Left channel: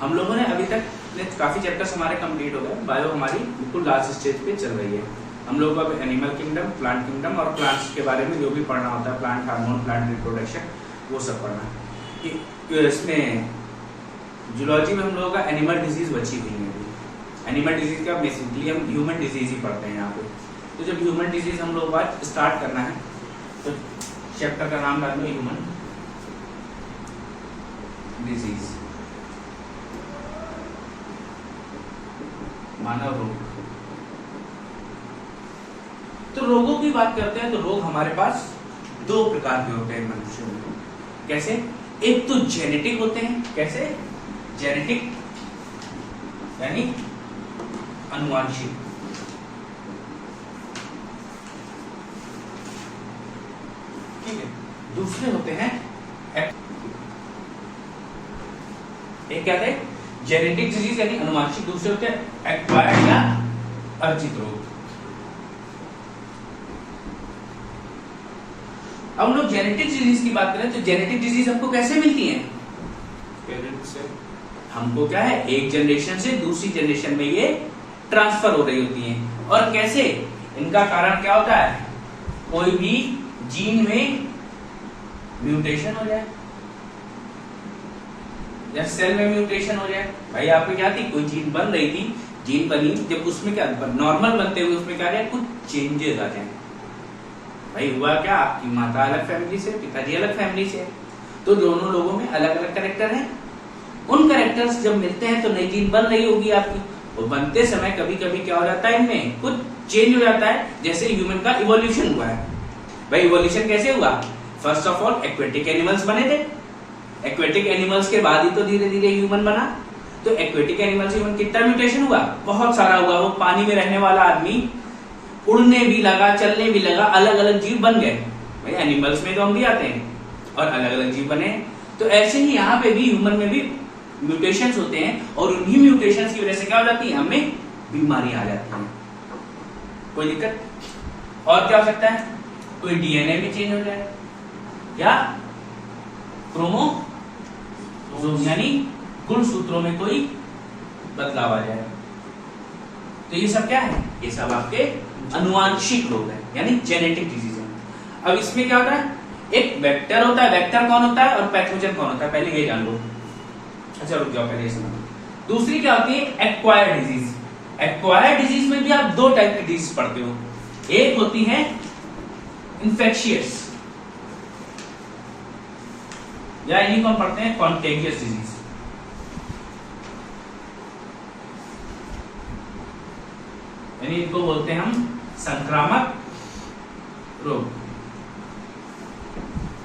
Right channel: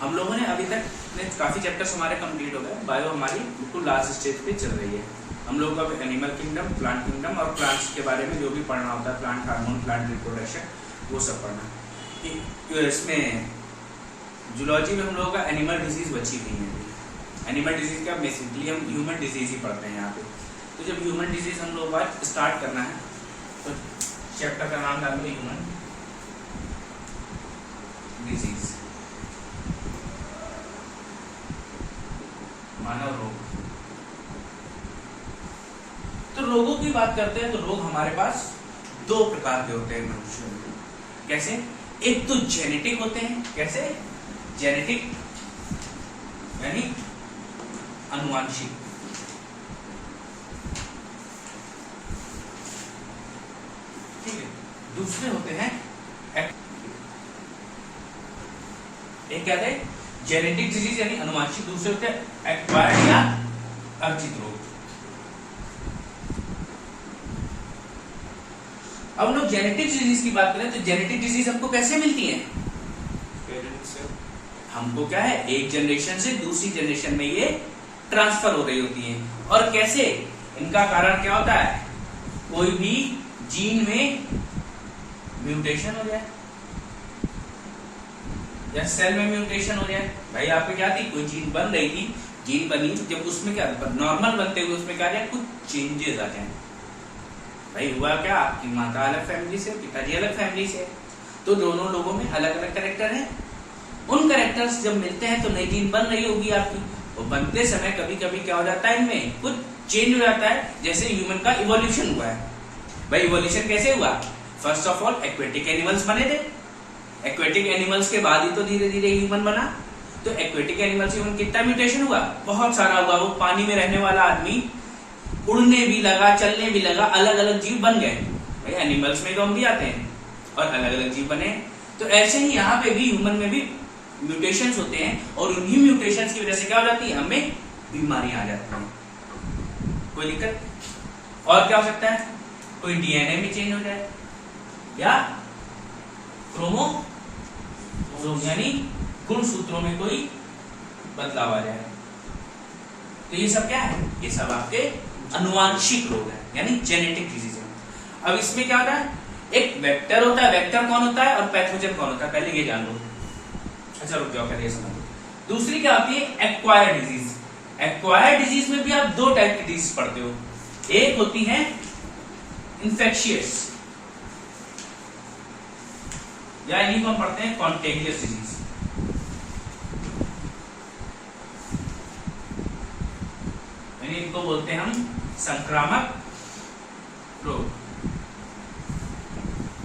हम लोगों ने अभी तक काफी चैप्टर्स हमारे कंप्लीट हो गए। बायो हमारी बिल्कुल लास्ट स्टेज पे चल रही है। हम लोग को अब एनिमल किंगडम, प्लांट किंगडम और प्लांट्स के बारे में जो भी पढ़ना होता है, प्लांट हार्मोन, प्लांट रिप्रोडक्शन, वो सब पढ़ना। इसमें जूलॉजी में हम लोगों का एनिमल डिजीज बची हुई है। एनिमल डिजीज का बेसिकली हम ह्यूमन डिजीज ही पढ़ते हैं यहाँ पे। तो जब ह्यूमन डिजीज हम लोग आज स्टार्ट करना है तो चैप्टर का नाम डालेंगे ह्यूमन डिजीज, मानव रोग। तो रोगों की बात करते हैं तो रोग हमारे पास दो प्रकार के होते हैं मनुष्यों में। कैसे? एक तो जेनेटिक होते हैं। कैसे? जेनेटिक यानी अनुवांशिक। ठीक है। दूसरे होते हैं एक क्या थे? जेनेटिक डिजीज यानी अनुवांशिक। दूसरे होते हैं एक्वायर्ड या अर्जित रोग। अब हम लोग जेनेटिक डिजीज की बात करें तो जेनेटिक डिजीज हमको कैसे मिलती है? पेरेंट्स से। हमको क्या है, एक जनरेशन से दूसरी जनरेशन में ये ट्रांसफर हो रही होती हैं। और कैसे? इनका कारण क्या होता है? कोई भी जीन में म्यूटेशन हो जाए या सेल में म्यूटेशन हो जाए। भाई यहाँ पे क्या थी, कोई जीन बन रही थी, जीन बनी, जब उसमें क्या नॉर्मल बनते हुए उसमें क्या कुछ चेंजेस आ जाए। भाई हुआ क्या, आपकी माता अलग फैमिली से, पिताजी अलग फैमिली से, तो दोनों लोगों में अलग अलग कैरेक्टर हैं। उन कैरेक्टर्स जब मिलते हैं तो नई जीन बन रही होगी आपकी। वो बनते समय कभी कभी क्या हो जाता है, इनमें कुछ चेंज हो जाता है। जैसे ह्यूमन का इवोल्यूशन हुआ है। भाई इवोल्यूशन कैसे हुआ? First of all aquatic animals बने थे। एक्वेटिक एनिमल्स के बाद ही तो धीरे धीरे ह्यूमन बना। तो एक्वेटिक एनिमल से ह्यूमन कितना म्यूटेशन हुआ? बहुत सारा हुआ। वो पानी में रहने वाला आदमी उड़ने भी लगा, चलने भी लगा, अलग अलग जीव बन गए। भाई एनिमल्स में तो हम भी आते हैं और अलग अलग जीव बने। तो ऐसे ही यहाँ पे भी ह्यूमन में भी म्यूटेशंस होते हैं और उन्हीं म्यूटेशंस की वजह से क्या हो जाती है, हमें बीमारियां आ जाती हैं। कोई दिक्कत? और क्या हो सकता है? कोई डीएनए भी चेंज हो जाए या क्रोमोसोम यानी गुणसूत्रों में कोई बदलाव आ जाए। तो ये सब क्या है? ये सब आपके अनुवांशिक रोग है यानी जेनेटिक डिजीज है। अब इसमें क्या होता है, एक वेक्टर होता है। वेक्टर कौन होता है और पैथोजन कौन होता है, पहले ये जान लो। अच्छा रुक जाओ, पहले ये समझो। दूसरी क्या होती है? Acquired disease. एक्वायर्ड डिजीज में भी आप दो टाइप की डिजीज पढ़ते हो। एक होती है इन्फेक्शियस या इन्हीं को हम पढ़ते हैं कॉन्टेगियस डिजीज। यानी इनको बोलते हैं हम संक्रामक रोग।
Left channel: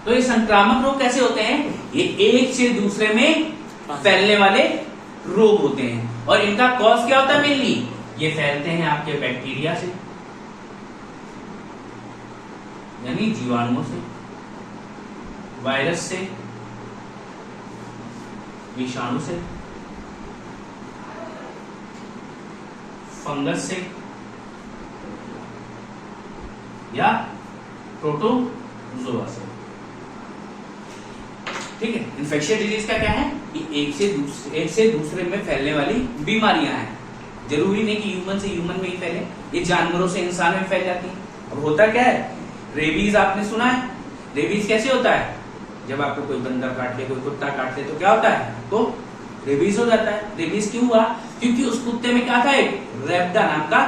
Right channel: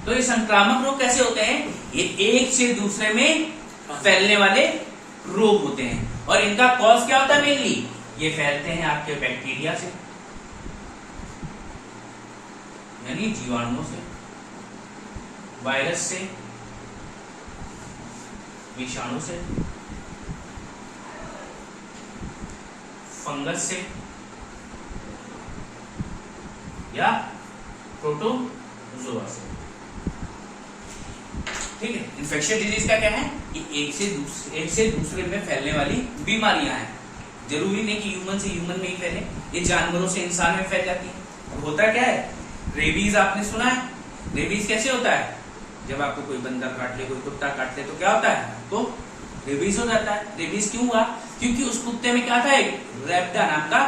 तो ये संक्रामक रोग कैसे होते हैं? ये एक से दूसरे में फैलने वाले रोग होते हैं। और इनका कॉज क्या होता है? मेनली ये फैलते हैं आपके बैक्टीरिया से यानी जीवाणुओं से, वायरस से, विषाणु से, फंगस से या प्रोटोजोआ से। ठीक है। इन्फेक्शियस डिजीज का क्या है? ये एक से दूसरे में फैलने वाली बीमारियां हैं। जरूरी नहीं कि ह्यूमन से ह्यूमन में ही फैले, ये जानवरों से इंसान में फैल जाती है। अब होता क्या है, रेबीज आपने सुना है? रेबीज कैसे होता है? जब आपको कोई बंदर काट ले, कोई कुत्ता काट ले तो क्या होता है, आपको रेबीज हो जाता है। रेबीज क्यों हुआ? क्योंकि उस कुत्ते में क्या था, एक रेबडा नाम का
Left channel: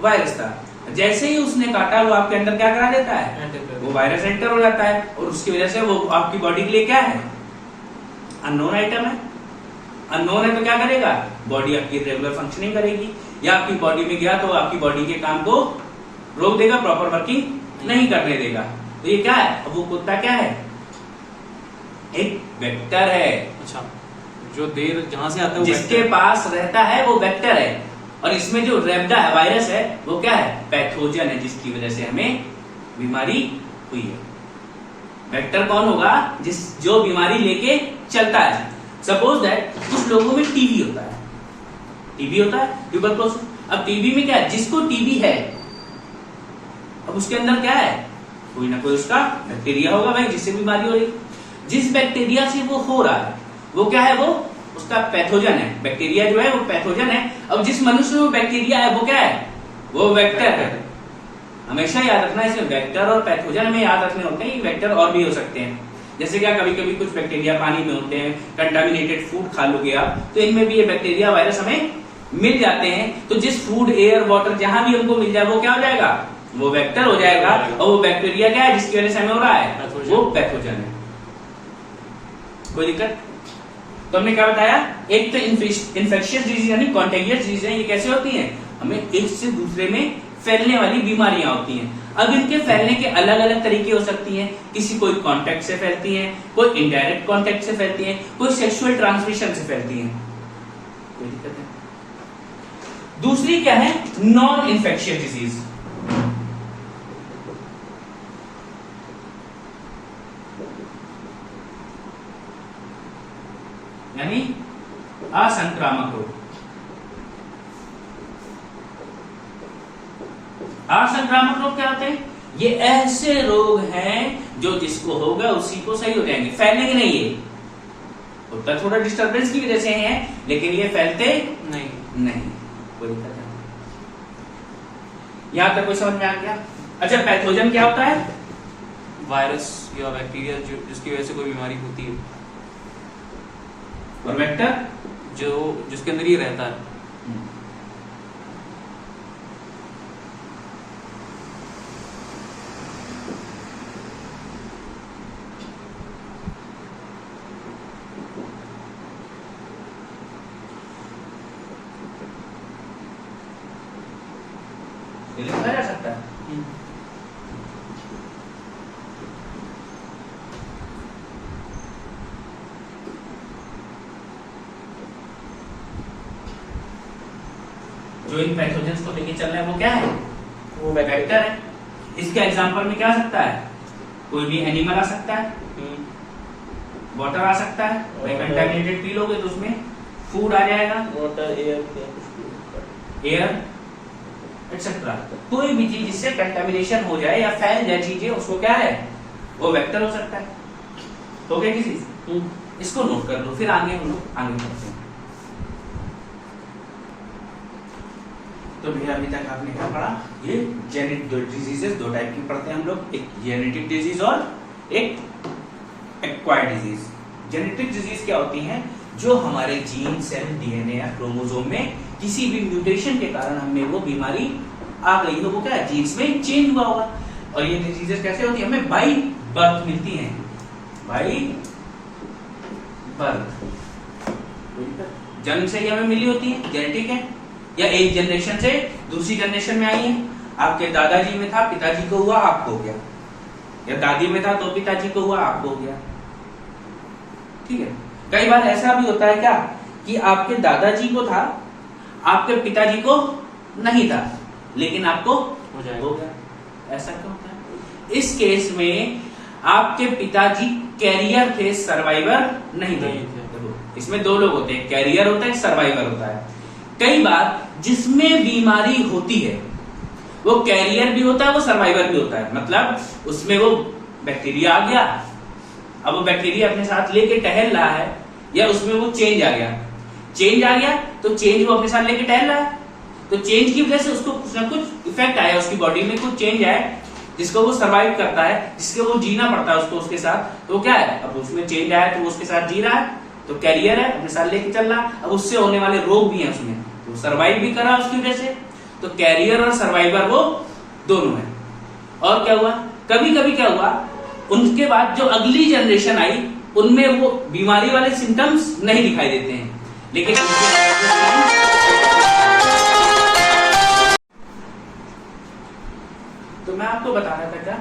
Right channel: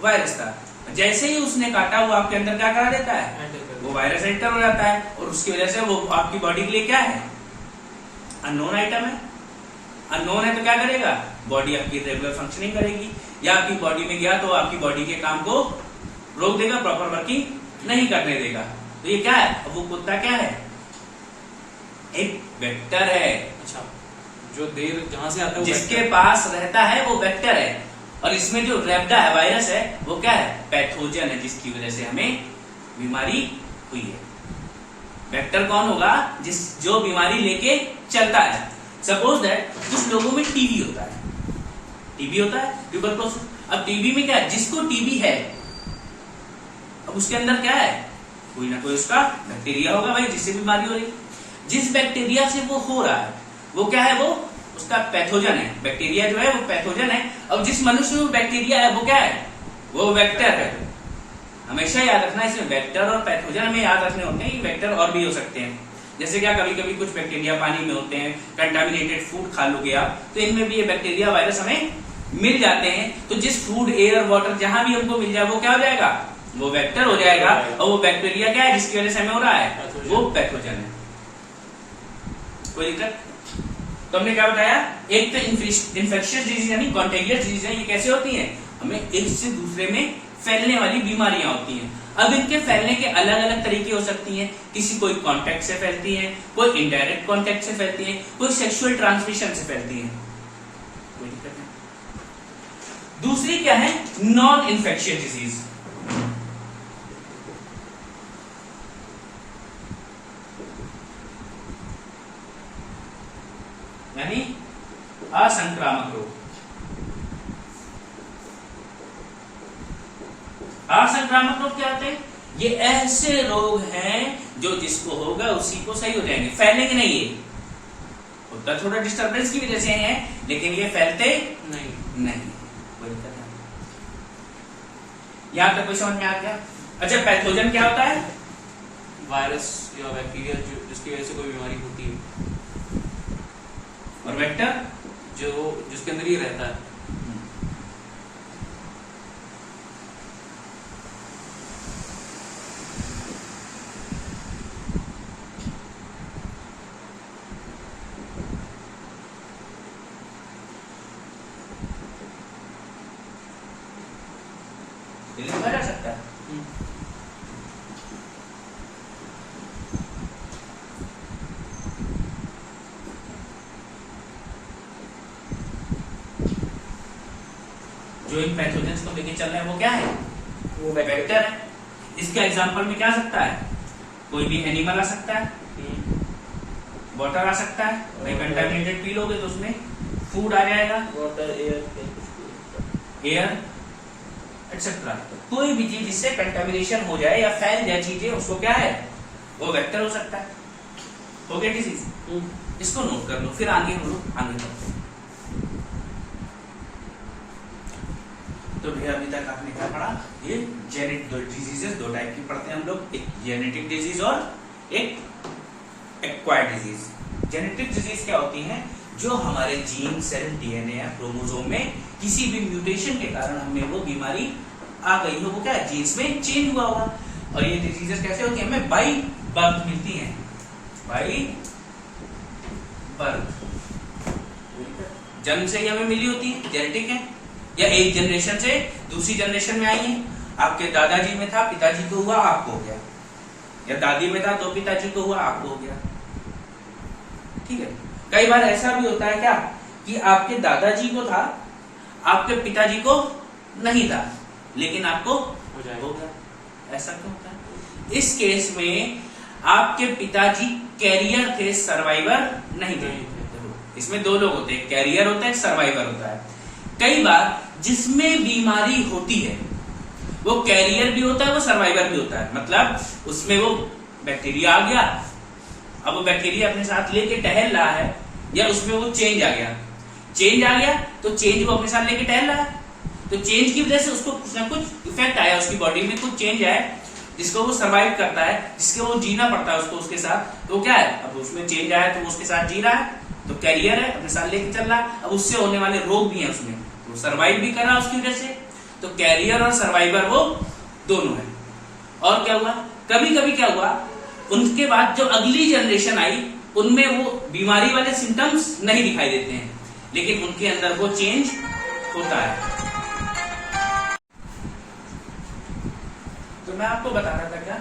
वायरस था। जैसे ही उसने काटा वो आपके अंदर क्या करा देता है, वो वायरस एंटर हो जाता है और उसकी वजह से वो आपकी बॉडी के लिए क्या है, अननोन आइटम है। अननोन है तो क्या करेगा, बॉडी आपकी रेगुलर फंक्शनिंग करेगी, या आपकी बॉडी में गया तो आपकी बॉडी के काम को रोक देगा, प्रॉपर वर्किंग नहीं करने देगा। तो ये क्या है, अब वो कुत्ता क्या है, एक वेक्टर है। अच्छा, जो देर जहां से आता है जिसके पास रहता है वो वेक्टर है, और इसमें जो रेबडा है, वायरस है, वो क्या है, पैथोजन है, जिसकी वजह से हमें बीमारी हुई है। वेक्टर कौन होगा, जो बीमारी लेके चलता है। सपोज दैट कुछ लोगों में टीबी होता है, टीबी होता है, ट्यूबरकुलोसिस। अब टीबी में क्या है, जिसको टीबी है, अब उसके अंदर क्या है, कोई ना कोई उसका बैक्टीरिया होगा भाई, जिससे बीमारी हो रही। जिस बैक्टीरिया से वो हो रहा है वो क्या है, वो उसका पैथोजन है। बैक्टीरिया जो है वो पैथोजन है। अब जिस मनुष्य में बैक्टीरिया है वो क्या है, वो वेक्टर है। हमेशा याद रखना, इसमें वेक्टर और पैथोजन हमें याद रखने होते हैं। वेक्टर और भी हो सकते हैं, जैसे क्या कभी कभी कुछ बैक्टीरिया पानी में होते हैं, कंटामिनेटेड फूड खा लोगे आप, तो इनमें भी ये बैक्टीरिया वायरस हमें मिल जाते हैं। तो जिस फूड, एयर, वाटर जहां भी हमको मिल जाए वो क्या हो जाएगा, वो वेक्टर हो जाएगा। और वो बैक्टीरिया क्या है जिसकी वजह से हमें हो रहा है, वो पैथोजन है। कोई दिक्कत? तो हमने क्या बताया, एक तो इन्फेक्शियस डिजीज यानी कॉन्टेगियस डिजीज है। ये कैसे होती है, हमें एक से दूसरे में फैलने वाली बीमारियां होती हैं। अब इनके फैलने के अलग अलग तरीके हो सकती हैं। किसी कोई कांटेक्ट से फैलती हैं, कोई इनडायरेक्ट कांटेक्ट से फैलती हैं, कोई सेक्सुअल ट्रांसमिशन से फैलती हैं। कोई दिक्कत है? दूसरी क्या है, नॉन इन्फेक्शियस डिजीज। यानी असंक्रामक रोग। असंक्रामक रोग क्या होते हैं, ये ऐसे रोग हैं जो जिसको होगा उसी को सही हो जाएंगे, फैलेंगे नहीं। ये होता थोड़ा डिस्टरबेंस की वजह से है, लेकिन ये फैलते नहीं। कोई दिक्कत है? यहां तक कोई समझ में आ गया? अच्छा, पैथोजन क्या होता है, वायरस या बैक्टीरिया जिसकी वजह से कोई बीमारी होती है, और वेक्टर जो जिसके अंदर ही रहता है। लिखा जा सकता है। जो इन पैथोजेंस को लेके चल रहे हैं वो क्या है, वो वेक्टर है। इसके एग्जांपल में क्या आ सकता है, कोई भी एनिमल आ सकता है, वाटर आ सकता है। कंटामिनेटेड पी लोगे तो उसमें फूड आ जाएगा, वाटर, एयर एक्सेट्रा। कोई भी चीज जिससे कंटामिनेशन हो जाए या फैल जाए चीजें, उसको क्या है, वो वेक्टर हो सकता है। तो क्या डिजीज, इसको नोट कर लो, फिर आगे हम लोग आगे बढ़ते हैं। तो भैया अभी तक आपने क्या पढ़ा, ये जेनेटिक डिजीजेस दो टाइप की पढ़ते हैं हम लोग, एक जेनेटिक डिजीज और एक एक्वायर्ड डिजीज। जेनेटिक डिजीज क्या होती हैं, जो हमारे जीन, सेल, डीएनए या क्रोमोसोम में किसी भी म्यूटेशन के कारण हमें वो बीमारी आ गई हो, वो क्या जीन्स में चेंज हुआ होगा। और ये डिजीजेस कैसे होती है, हमें बाई बर्थ मिलती हैं, बाई बर्थ, जन्म से ही हमें मिली होती है, जेनेटिक है, या एक जनरेशन से दूसरी जनरेशन में आई है। आपके दादाजी में था, पिताजी को हुआ, आपको हो गया, या दादी में था तो पिताजी को हुआ, आपको हो गया। ठीक है, कई बार ऐसा भी होता है क्या कि आपके दादाजी को था, आपके पिताजी को नहीं था, लेकिन आपको हो गया। ऐसा क्यों होता है? इस केस में आपके पिताजी कैरियर थे, सर्वाइवर नहीं थे। देखो, इसमें दो लोग होते हैं, कैरियर होता है, सर्वाइवर होता है। कई बार जिसमें बीमारी होती है वो कैरियर भी होता है, वो सर्वाइवर भी होता है। मतलब उसमें वो बैक्टीरिया आ गया, अब वो बैक्टीरिया अपने साथ लेके टहल रहा है, या उसमें वो चेंज आ गया, तो चेंज वो अपने साथ लेके टहल रहा है, तो चेंज की वजह से उसको कुछ ना कुछ इफेक्ट आया, उसकी बॉडी में कुछ चेंज आया जिसको वो सर्वाइव करता है, जिसके वो जीना पड़ता है उसको उसके साथ। तो क्या है, अब उसमें चेंज आया तो वो उसके साथ जी रहा है, तो कैरियर है, अपने साथ लेके चल रहा है। अब उससे होने वाले रोग भी हैं उसमें, तो सर्वाइव भी करा उसकी वजह से। तो कैरियर और सर्वाइवर वो दोनों है। और क्या हुआ, कभी कभी क्या हुआ, उनके बाद जो अगली जनरेशन आई उनमें वो बीमारी वाले सिम्टम्स नहीं दिखाई देते हैं, लेकिन उनके अंदर वो चेंज होता है। तो मैं आपको बता रहा था क्या,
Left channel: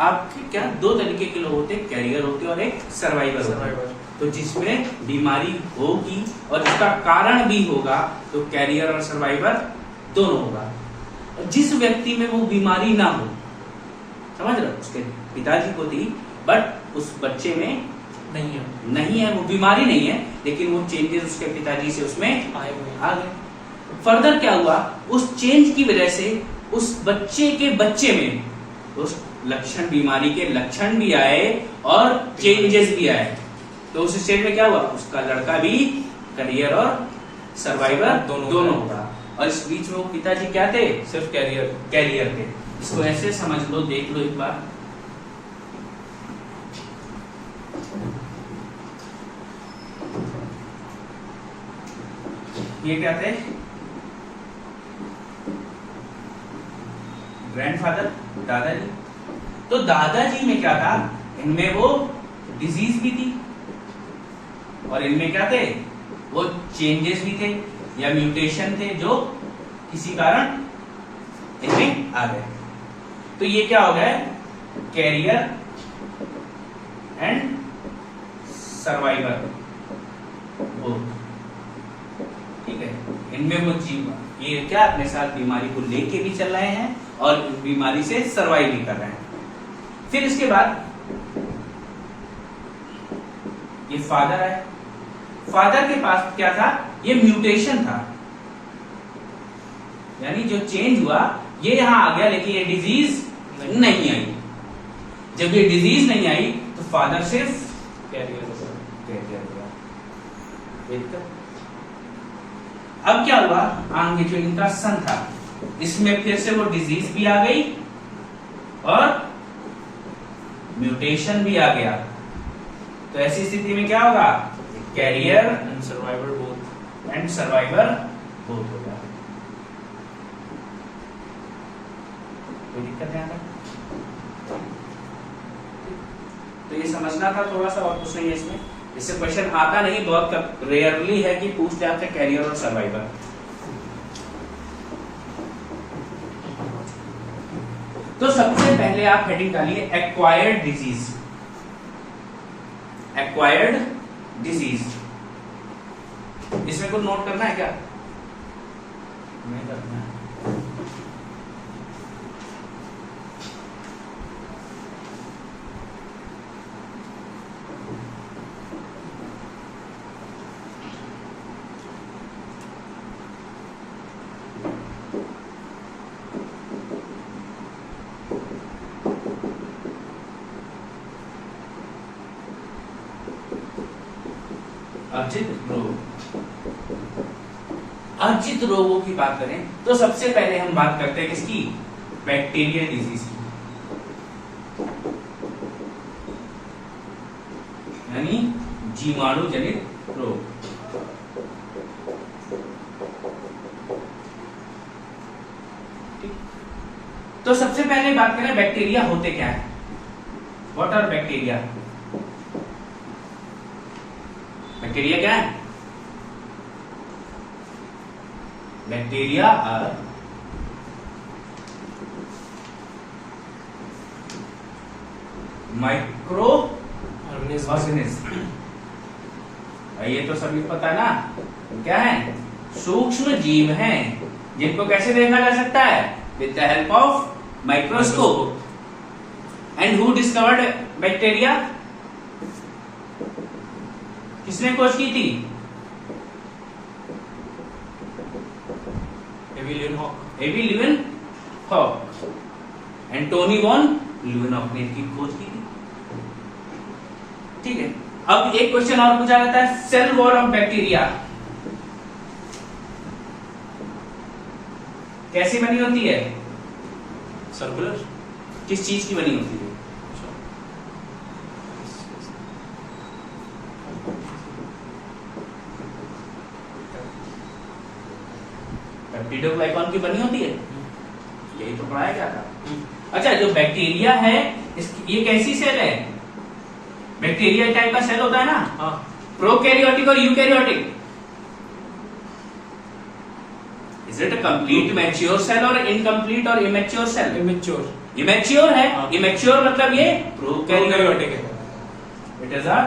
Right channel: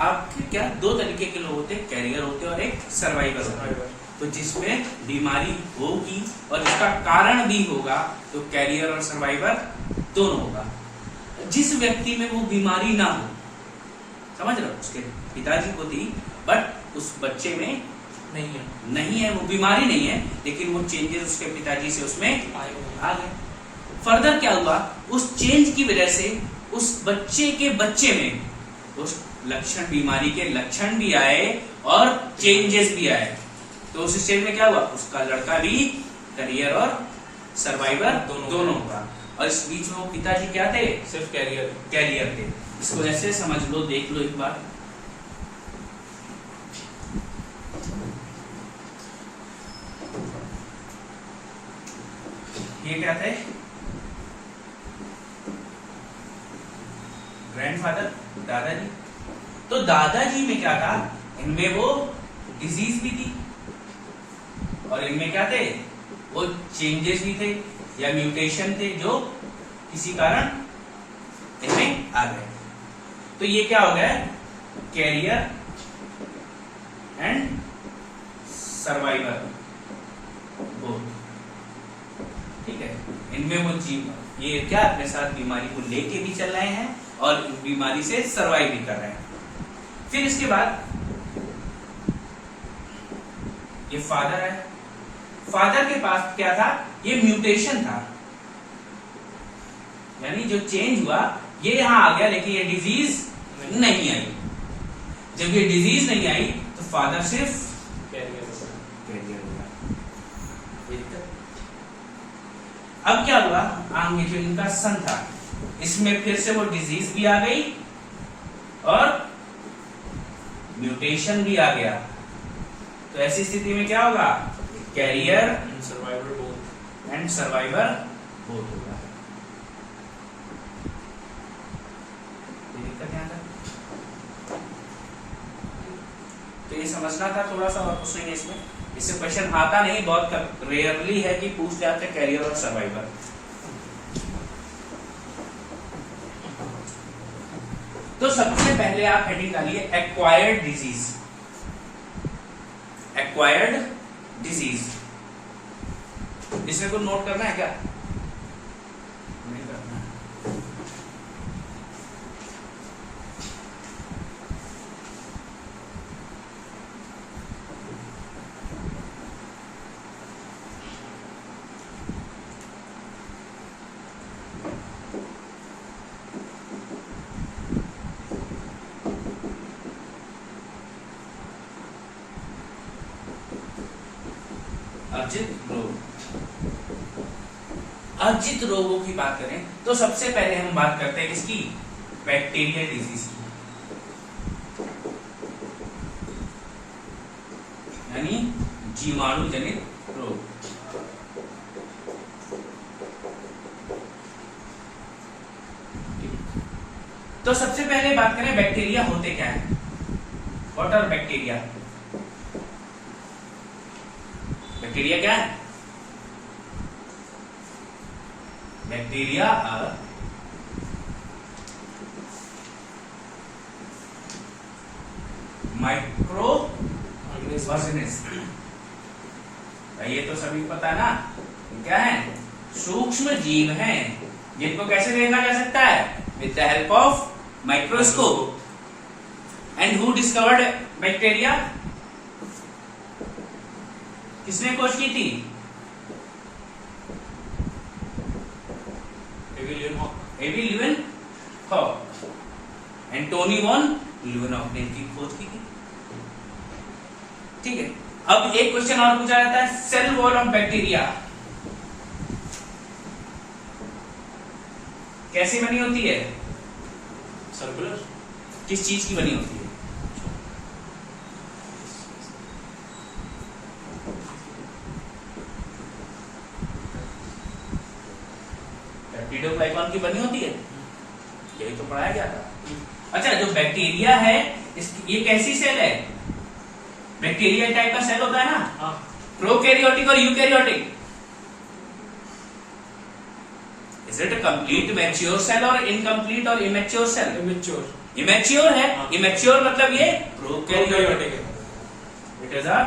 आपके क्या दो तरीके के लोग होते हैं, कैरियर होते हैं और एक सर्वाइवर होता है। तो जिसमें बीमारी होगी और जिसका कारण भी होगा, तो कैरियर और सर्वाइवर दोनों होगा। जिस व्यक्ति में वो बीमारी ना हो, समझ रहे हो, उसके पिताजी को थी बट उस बच्चे में नहीं है, वो बीमारी नहीं है, लेकिन वो चेंजेस उसके पिताजी से उसमें आ गए। फर्दर क्या हुआ, उस चेंज की वजह से उस बच्चे के बच्चे में उस लक्षण, बीमारी के लक्षण भी आए और चेंजेस भी आए। तो उस स्टेज में क्या हुआ, उसका लड़का भी करियर और सर्वाइवर दोनों दोनों होगा। और इस बीच में वो पिताजी क्या थे? सिर्फ कैरियर। कैरियर थे। इसको ऐसे समझ लो, देख लो एक बार। ये क्या थे? ग्रैंडफादर, दादाजी। तो दादाजी में क्या था? इनमें वो डिजीज भी थी और इनमें क्या थे? वो चेंजेस भी थे या म्यूटेशन थे जो किसी कारण इनमें आ गए। तो ये क्या हो गया? Carrier and survivor both. ठीक है, इनमें वो जीव ये क्या अपने साथ बीमारी को लेके भी चल रहे हैं और इस बीमारी से सर्वाइव भी कर रहे हैं। फिर इसके बाद ये फादर है। फादर के पास क्या था? ये म्यूटेशन था, यानी जो चेंज हुआ ये यहां आ गया, लेकिन ये डिजीज नहीं आई। जब ये डिजीज नहीं आई तो फादर सिर्फ कैरियर हुआ। अब क्या हुआ? आगे जो इनका सन था, इसमें फिर से वो डिजीज भी आ गई और म्यूटेशन भी आ गया। तो ऐसी स्थिति में क्या होगा? Carrier and survivor both. होगा। कोई दिक्कत है? तो ये समझना था थोड़ा सा, और कुछ नहीं है इसमें। इससे क्वेश्चन आता नहीं, बहुत रेयरली है कि पूछते आपसे कैरियर और सर्वाइवर। तो सबसे पहले आप हेडिंग डालिए एक्वायर्ड डिजीज। एक्वायर्ड डिजीज, इसमें कुछ नोट करना है क्या? नहीं करना है। अर्जित रोगों की बात करें तो सबसे पहले हम बात करते हैं किसकी? बैक्टीरियल डिजीज की, यानी जीवाणु जनित रोग। तो सबसे पहले बात करें बैक्टीरिया होते क्या है? What are bacteria? बैक्टीरिया क्या है? Bacteria are microorganism. ये तो सभी पता है ना, क्या है? सूक्ष्म जीव हैं जिनको कैसे देखा जा सकता है? With the help of microscope. And who discovered bacteria? किसने खोज की थी? एवी ल्यूवेनहॉक। एंटोनी वॉन ल्यूवेनहॉक ने इनकी खोज की थी। ठीक है, अब एक क्वेश्चन और पूछा जाता है, सेल वॉल ऑफ बैक्टीरिया कैसी बनी होती है? सर्कुलर। किस चीज की बनी होती है? पेप्टिडोग्लाइकॉन की बनी होती है, यही तो पढ़ाया गया था। अच्छा, जो बैक्टीरिया है ये कैसी सेल है? बैक्टीरिया टाइप का सेल होता है ना? हाँ। प्रोकैरियोटिक और eukaryotic. Is it a complete mature cell और इनकम्प्लीट और इमेच्योर सेल? इमेच्योर। इमेच्योर है। हाँ। इमेच्योर मतलब ये प्रोकैरियोटिक है। It is a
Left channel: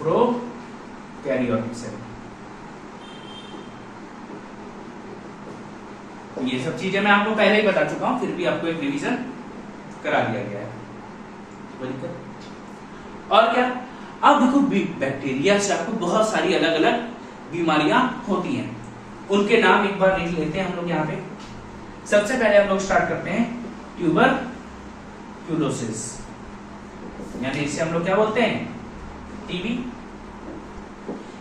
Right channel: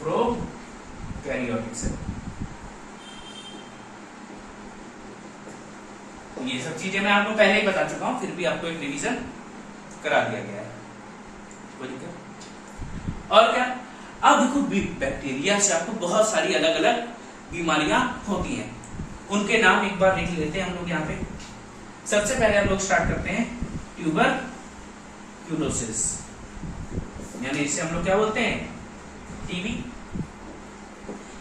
prokaryotic cell. तो ये सब चीजें मैं आपको पहले ही बता चुका हूं, फिर भी आपको एक रिवीजन करा दिया गया है। और क्या? अब देखो, बैक्टीरिया से आपको बहुत सारी अलग अलग बीमारियां होती हैं, उनके नाम एक बार लिख लेते हैं हम लोग यहाँ पे। सबसे पहले हम लोग स्टार्ट करते हैं ट्यूबरक्यूलोसिस, यानी इसे हम लोग क्या बोलते हैं? टीबी।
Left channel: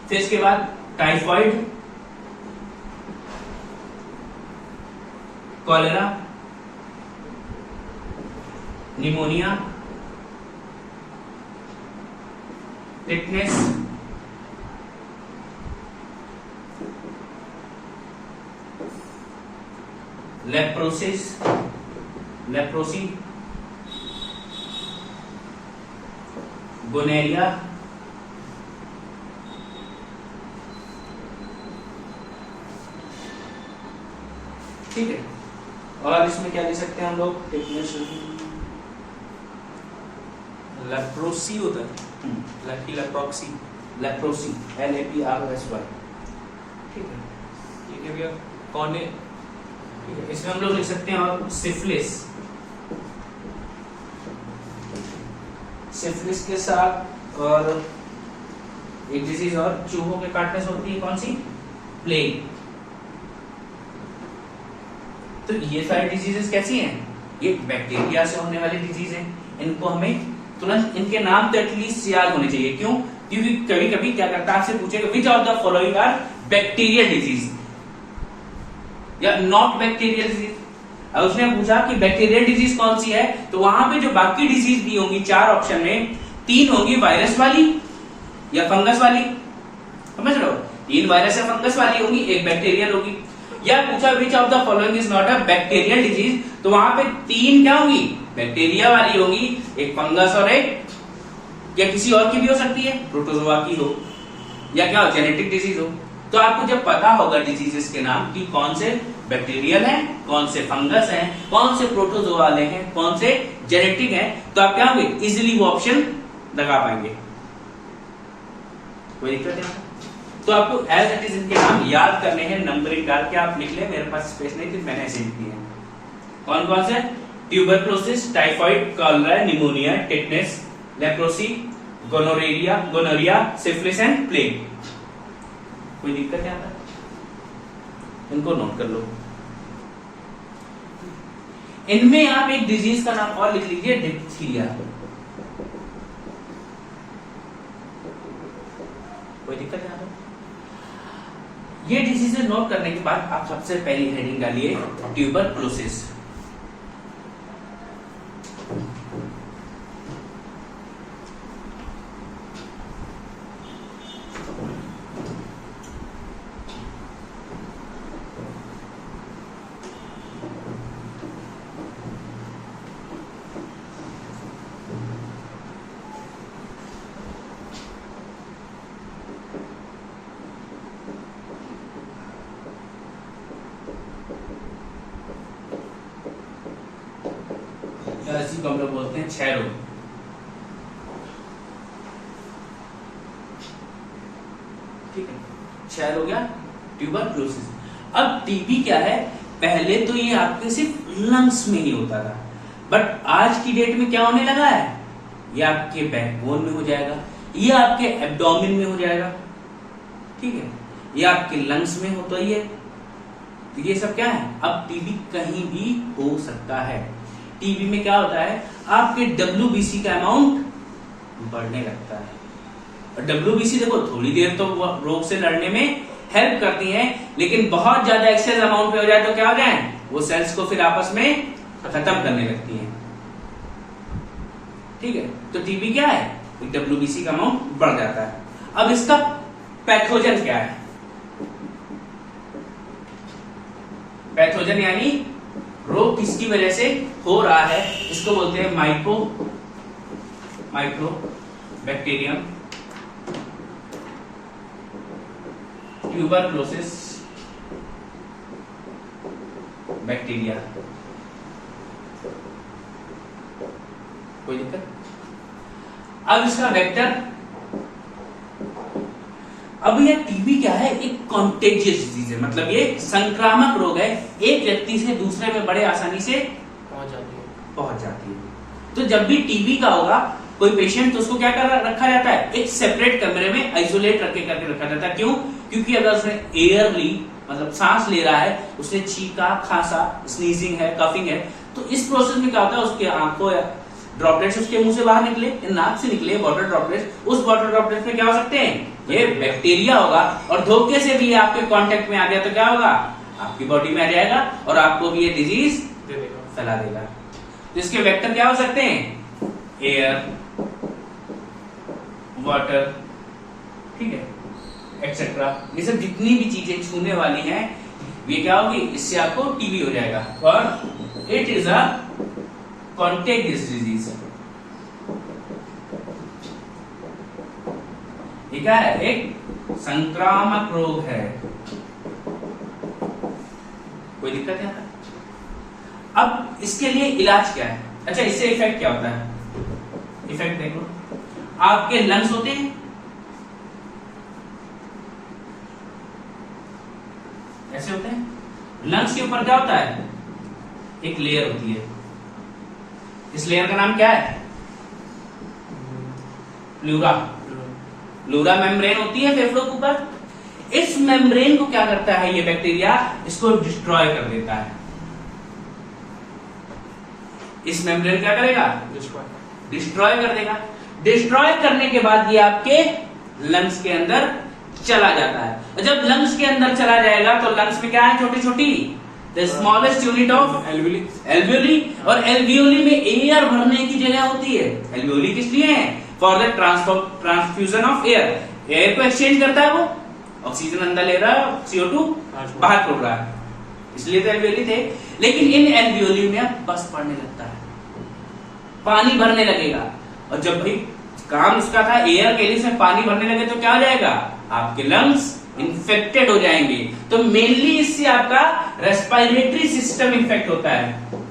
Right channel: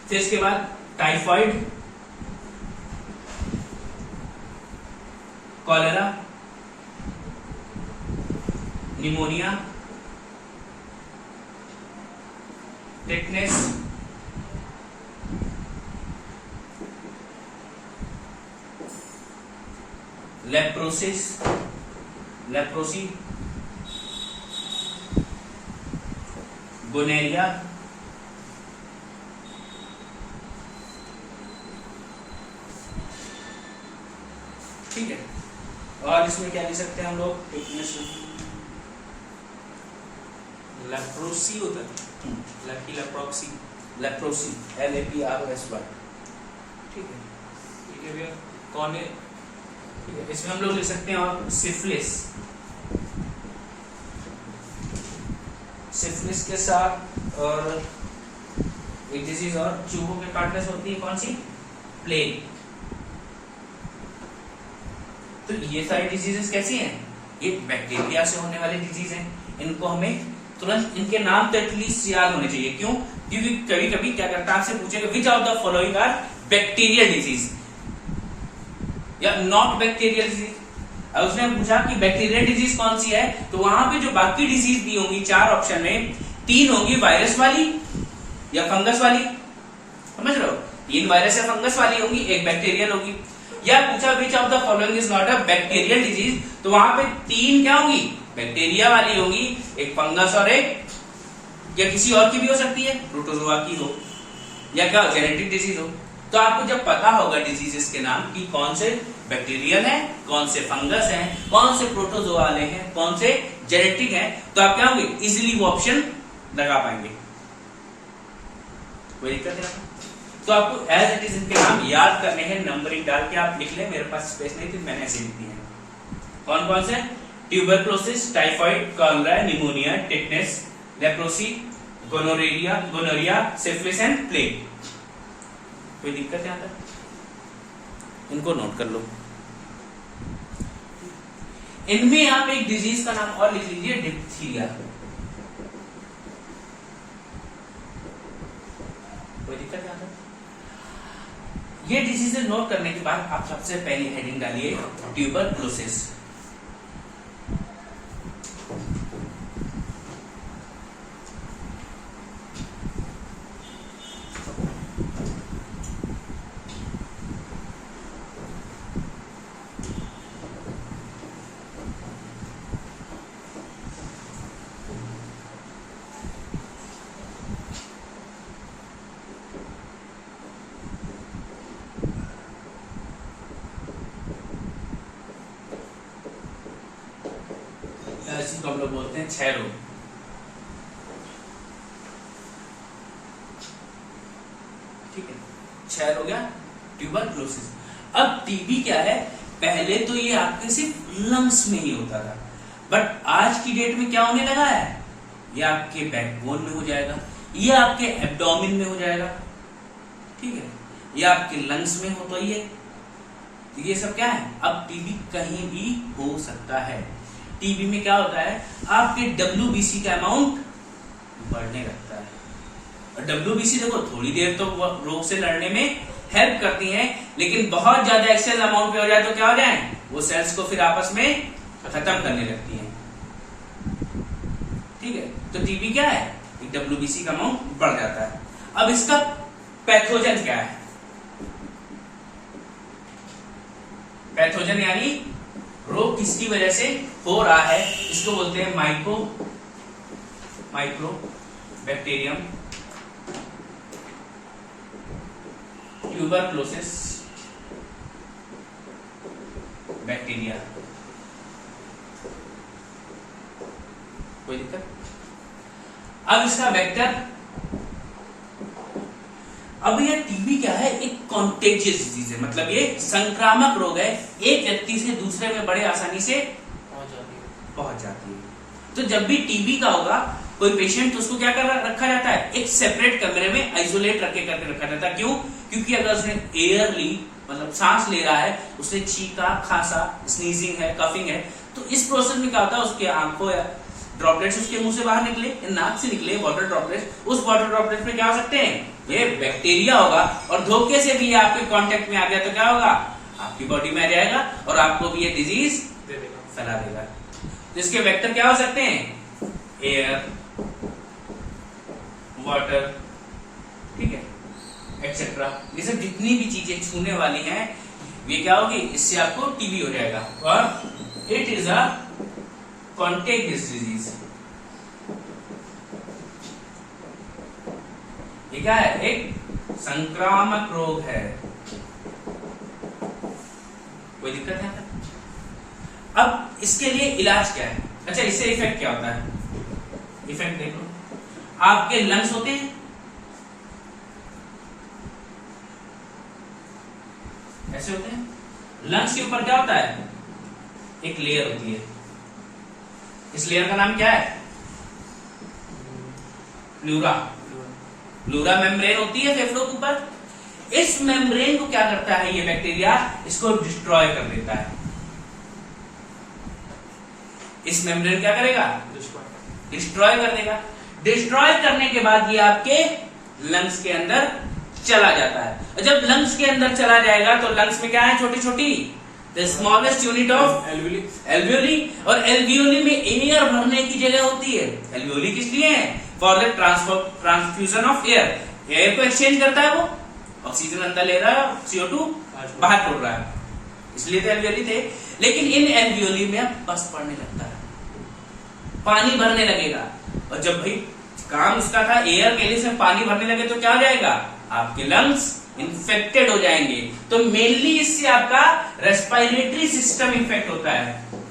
फिर इसके बाद typhoid, cholera, pneumonia, tetanus, leprosy, gonorrhoea, ठीक है। और इसमें क्या ले सकते हैं हम लोग, टिटनेस, लेप्रोसी होता है, लेप्रोसी, लेप्रोसी, LAPROSY, ठीक है। ठीक है भैया। कौन है? इसमें हम लोग लिख सकते हैं और सिफिलिस, सिफिलिस के साथ और एक डिजीज और चूहों के काटने से होती है, कौन सी, प्लेग। तो ये सारी डिजीजेस कैसी हैं, ये बैक्टीरिया से होने वाली डिजीज हैं। इनको हमें तुरंत इनके नाम तो एटलीस्ट याद होने चाहिए। क्यों? क्योंकि कभी कभी क्या करता है, आपसे पूछेगा which of the following are bacterial disease या नॉट बैक्टीरियल डिजीज। अब उसने पूछा कि बैक्टीरियल डिजीज कौन सी है, तो वहां पे जो बाकी डिजीज दी होंगी 4 ऑप्शन में, 3 होंगी वायरस वाली या फंगस वाली, समझ रहे हो, 3 वायरस या फंगस वाली होंगी, 1 बैक्टीरियल होगी। या पूछा विच of the following is not a bacterial disease, तो वहां पे 3 क्या होंगी, बैक्टीरिया वाली होगी, 1 फंगस और 1 या किसी और की भी हो सकती है, प्रोटोजोआ की हो या क्या हो, जेनेटिक डिजीज हो। तो आपको जब पता होगा डिजीजेस के नाम कि कौन से बैक्टीरियल हैं, कौन से फंगस हैं, कौन से प्रोटोजोआ वाले हैं, कौन से जेनेटिक हैं, तो आप क्या होंगे, इजीली वो ऑप्शन लगा पाएंगे। कोई दिक्कत है? तो आपको एज इट इज इनके नाम याद करने हैं, नंबरिंग डाल के आप लिख ले। मेरे पास स्पेस नहीं थी, मैंने ऐसे लिख दिए हैं। कौन कौन से, tuberculosis, typhoid, cholera, pneumonia, tetanus, leprosy, gonorrhoea, syphilis and plague. कोई दिक्कत है? आता इनको नोट कर लो। इनमें आप एक डिजीज का नाम और लिख लीजिए, डिप्थीरिया। कोई दिक्कत है? आता ये डिजीज नोट करने के बाद आप सबसे पहली हेडिंग डालिए ट्यूबरक्लोसिस। इसी को हम लोग बोलते हैं क्षय रोग। ठीक है, क्षय रोग या ट्यूबरक्लोसिस। अब टीबी क्या है, पहले तो ये आपके सिर्फ लंग्स में ही होता था, बट आज की डेट में क्या होने लगा है, ये आपके बैकबोन में हो जाएगा, ये आपके एब्डोमेन में हो जाएगा, ठीक है, ये आपके लंग्स में हो, तो ये सब क्या है, अब टीबी कहीं भी हो सकता है। टीबी में क्या होता है, आपके WBC का अमाउंट बढ़ने लगता है। और WBC देखो थोड़ी देर तो रोग से लड़ने में हेल्प करती है, लेकिन बहुत ज्यादा एक्सेस अमाउंट पे हो जाए तो क्या हो जाए, वो सेल्स को फिर आपस में खत्म करने लगती हैं। ठीक है, तो टीबी क्या है, WBC का अमाउंट बढ़ जाता है। अब इसका पैथोजन क्या है, पैथोजन यानी रोग किसकी वजह से हो रहा है, इसको बोलते हैं माइक्रो बैक्टीरियम ट्यूबरक्लोसिस बैक्टीरिया। कोई दिक्कत? अब इसका वेक्टर, अब यह टीबी क्या है, एक कॉन्टेजियस डिजीज है, मतलब ये संक्रामक रोग है, एक व्यक्ति से दूसरे में बड़े आसानी से पहुंच जाती है। तो जब भी टीबी का होगा कोई पेशेंट, तो उसको क्या कर रखा जाता है, एक सेपरेट कमरे में आइसोलेट करके रखा जाता है। क्यों? क्योंकि अगर उसने एयरली मतलब सांस ले रहा है, उसने छींका, खांसा, स्नीजिंग है, कफिंग है, तो इस प्रोसेस में क्या होता है, उसके आंखों या ड्रॉपलेट्स उसके मुंह से बाहर निकले, नाक से निकले वाटर ड्रॉपलेट्स, उस वाटर ड्रॉपलेट्स में क्या हो सकते हैं, ये बैक्टीरिया होगा, और धोखे से भी ये आपके कांटेक्ट में आ गया तो क्या होगा, आपकी बॉडी में आ जाएगा और आपको भी ये डिजीज फैला देगा। तो इसके वेक्टर क्या हो सकते हैं, एयर, वाटर, ठीक है, एक्सेट्रा। ये सब जितनी भी चीजें छूने वाली हैं ये क्या होगी, इससे आपको टीबी हो जाएगा। और इट इज अ कॉन्टेगियस डिजीज। ये क्या है, एक संक्रामक रोग है। कोई दिक्कत है? अब इसके लिए इलाज क्या है? अच्छा, इससे इफेक्ट क्या होता है? इफेक्ट देखो, आपके लंग्स होते हैं, ऐसे होते हैं। लंग्स के ऊपर क्या होता है, एक लेयर होती है। इस लेयर का नाम क्या है, प्लूरा। प्लूरा मेम्ब्रेन होती है फेफड़ों के ऊपर। इस मेम्ब्रेन को क्या करता है ये बैक्टीरिया, इसको डिस्ट्रॉय कर देता है। इस मेम्ब्रेन क्या करेगा, डिस्ट्रॉय कर देगा। डिस्ट्रॉय करने के बाद ये आपके लंग्स के अंदर चला जाता है। और जब लंग्स के अंदर चला जाएगा तो लंग्स में क्या है, छोटी छोटी the smallest unit of alveoli. और एल्वियोली में एयर भरने की जगह होती है। एल्वियोली किस लिए है, for the transfusion of air. Air को एक्सचेंज करता है, वो ऑक्सीजन अंदर ले रहा है, CO2 बाहर छोड़ रहा है, इसलिए तो एल्वियोली थे। लेकिन इन एल्वियोली में अब बस पड़ने लगता है, पानी भरने लगेगा। और जब भाई काम उसका था एयर के लिए, इसमें पानी भरने लगे तो क्या हो जाएगा, आपके लंग्स इन्फेक्टेड हो जाएंगे। तो मेनली इससे आपका रेस्पिरेटरी सिस्टम इन्फेक्ट होता है।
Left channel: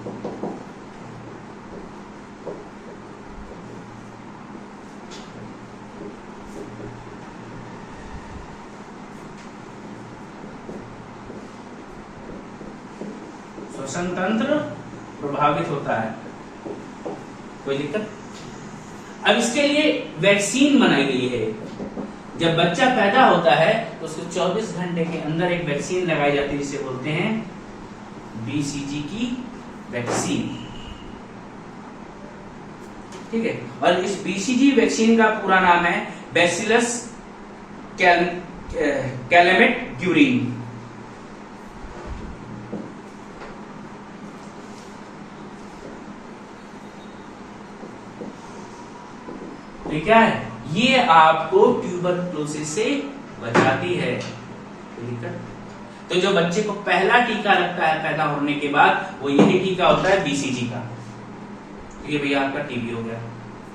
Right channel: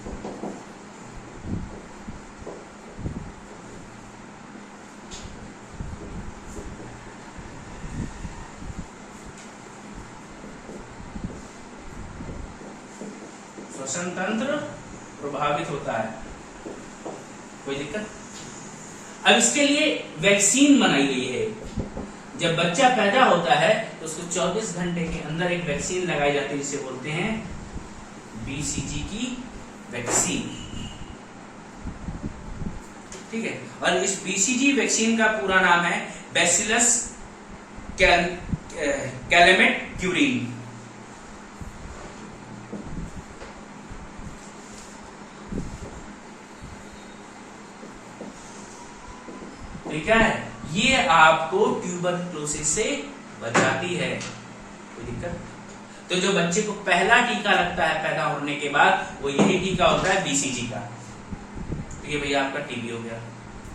श्वसन तंत्र प्रभावित होता है। कोई दिक्कत? अब इसके लिए वैक्सीन बनाई गई है। जब बच्चा पैदा होता है तो उसको 24 घंटे के अंदर एक वैक्सीन लगाई जाती है, जिसे बोलते हैं BCG की वैक्सीन, ठीक है। और इस BCG वैक्सीन का पूरा नाम है बैसिलस कैलेमेट ग्यूरिन। ये क्या है, ये आपको ट्यूबरक्लोसिस से बचाती है। कोई दिक्कत? तो जो बच्चे को पहला टीका लगता है पैदा होने के बाद, वो यही टीका होता है BCG का। तो ये भैया आपका टीबी हो गया।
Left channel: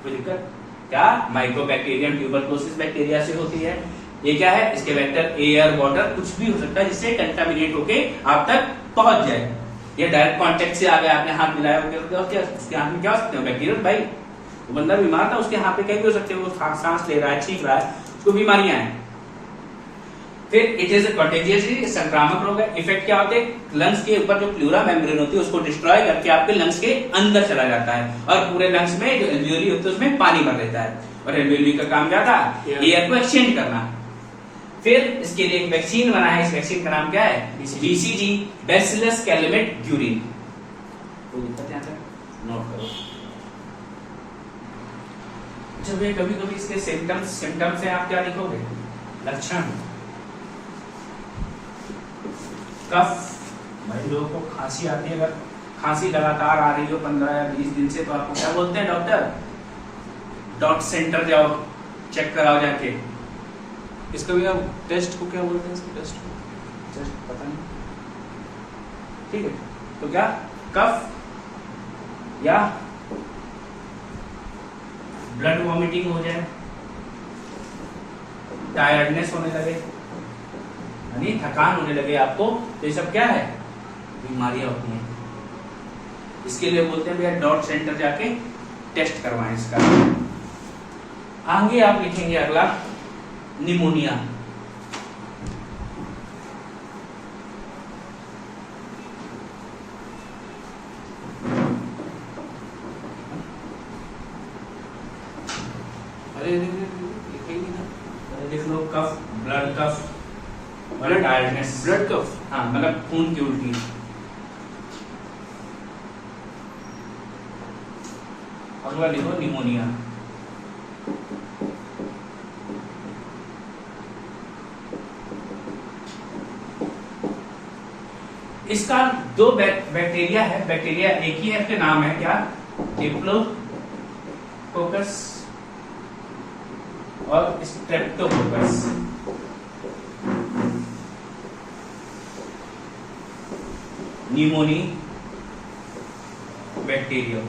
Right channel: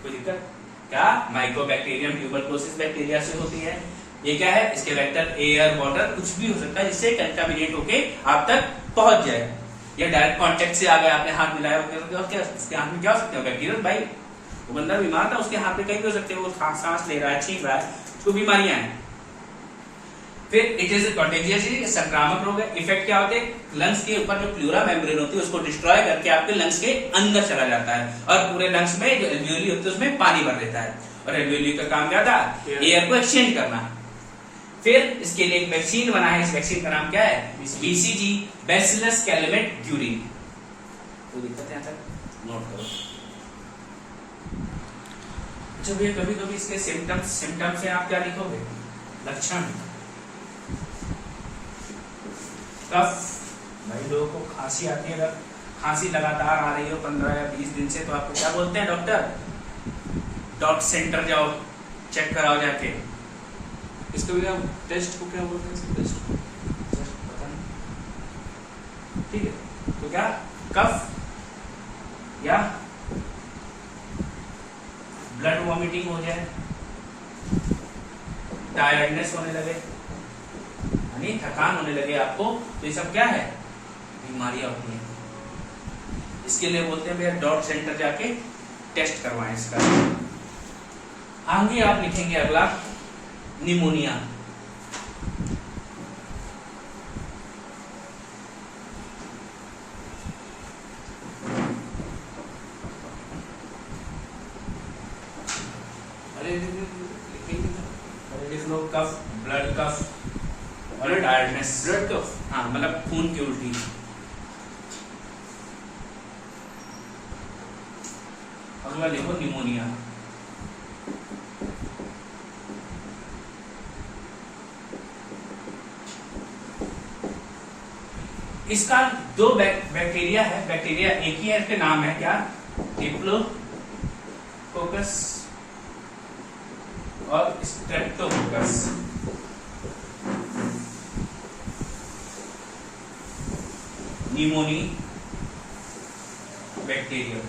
कोई दिक्कत? क्या माइकोबैक्टीरियम ट्यूबरक्लोसिस बैक्टीरिया से होती है। ये क्या है, इसके वेक्टर एयर, वाटर, कुछ भी हो सकता है जिससे कंटामिनेट होके आप तक पहुंच जाए। ये डायरेक्ट कांटेक्ट से आ गया, आपने हाथ मिलाया, उसके हाथ में क्या हो सकते हैं बैक्टीरिया। भाई वो बंदा बीमार था, उसके हाथ पे कहीं भी हो सकते हैं, वो सांस ले रहा है, छींक रहा है, उसको बीमारियां हैं। फिर इट इज कॉन्टेजियस, संक्रामक रोग है। इफेक्ट क्या होते हैं, लंग्स के ऊपर जो प्लूरा मेम्ब्रेन होती है उसको डिस्ट्रॉय करके आपके लंग्स के अंदर चला जाता है, और पूरे लंग्स में जो एल्वियोली होती है उसमें पानी भर देता है। और एल्वियोली का काम क्या था, एयर को एक्सचेंज करना। फिर इसके लिए एक वैक्सीन बना है, इस वैक्सीन का नाम क्या है, BCG, बैसिलस कैलेमेट ग्यूरिन। कोई दिक्कत है, नोट करो। जब ये कभी कभी इसके सिम्टम्स से आप क्या लिखोगे, लक्षण। कफ, भाई लोगों को खांसी आती है, अगर खांसी लगातार आ रही हो 15 या 20 दिन से, तो आपको क्या बोलते हैं, डॉक्टर डॉट सेंटर जाओ, चेक कराओ जाके। इसका भी आप टेस्ट को क्या बोलते हैं, इसका टेस्ट पता नहीं, ठीक है। तो क्या कफ या ब्लड वॉमिटिंग हो जाए, टायर्डनेस होने लगे, यानी थकान होने लगे आपको, तो ये सब क्या है, बीमारियां होती हैं। इसके लिए बोलते हैं भैया डॉट सेंटर जाके टेस्ट करवाएं इसका। आगे आप लिखेंगे अगला निमोनिया। लिख लो कफ, ब्लड कफ और टायर्डनेस। ब्लड कफ, हाँ, मतलब खून की उल्टी। और लिखो निमोनिया। इसका दो बैक्टीरिया है, बैक्टीरिया एक ही है, इसके नाम है क्या, डिप्लोकोकस और स्ट्रेप्टोकोकस। न्यूमोनी बैक्टीरिया,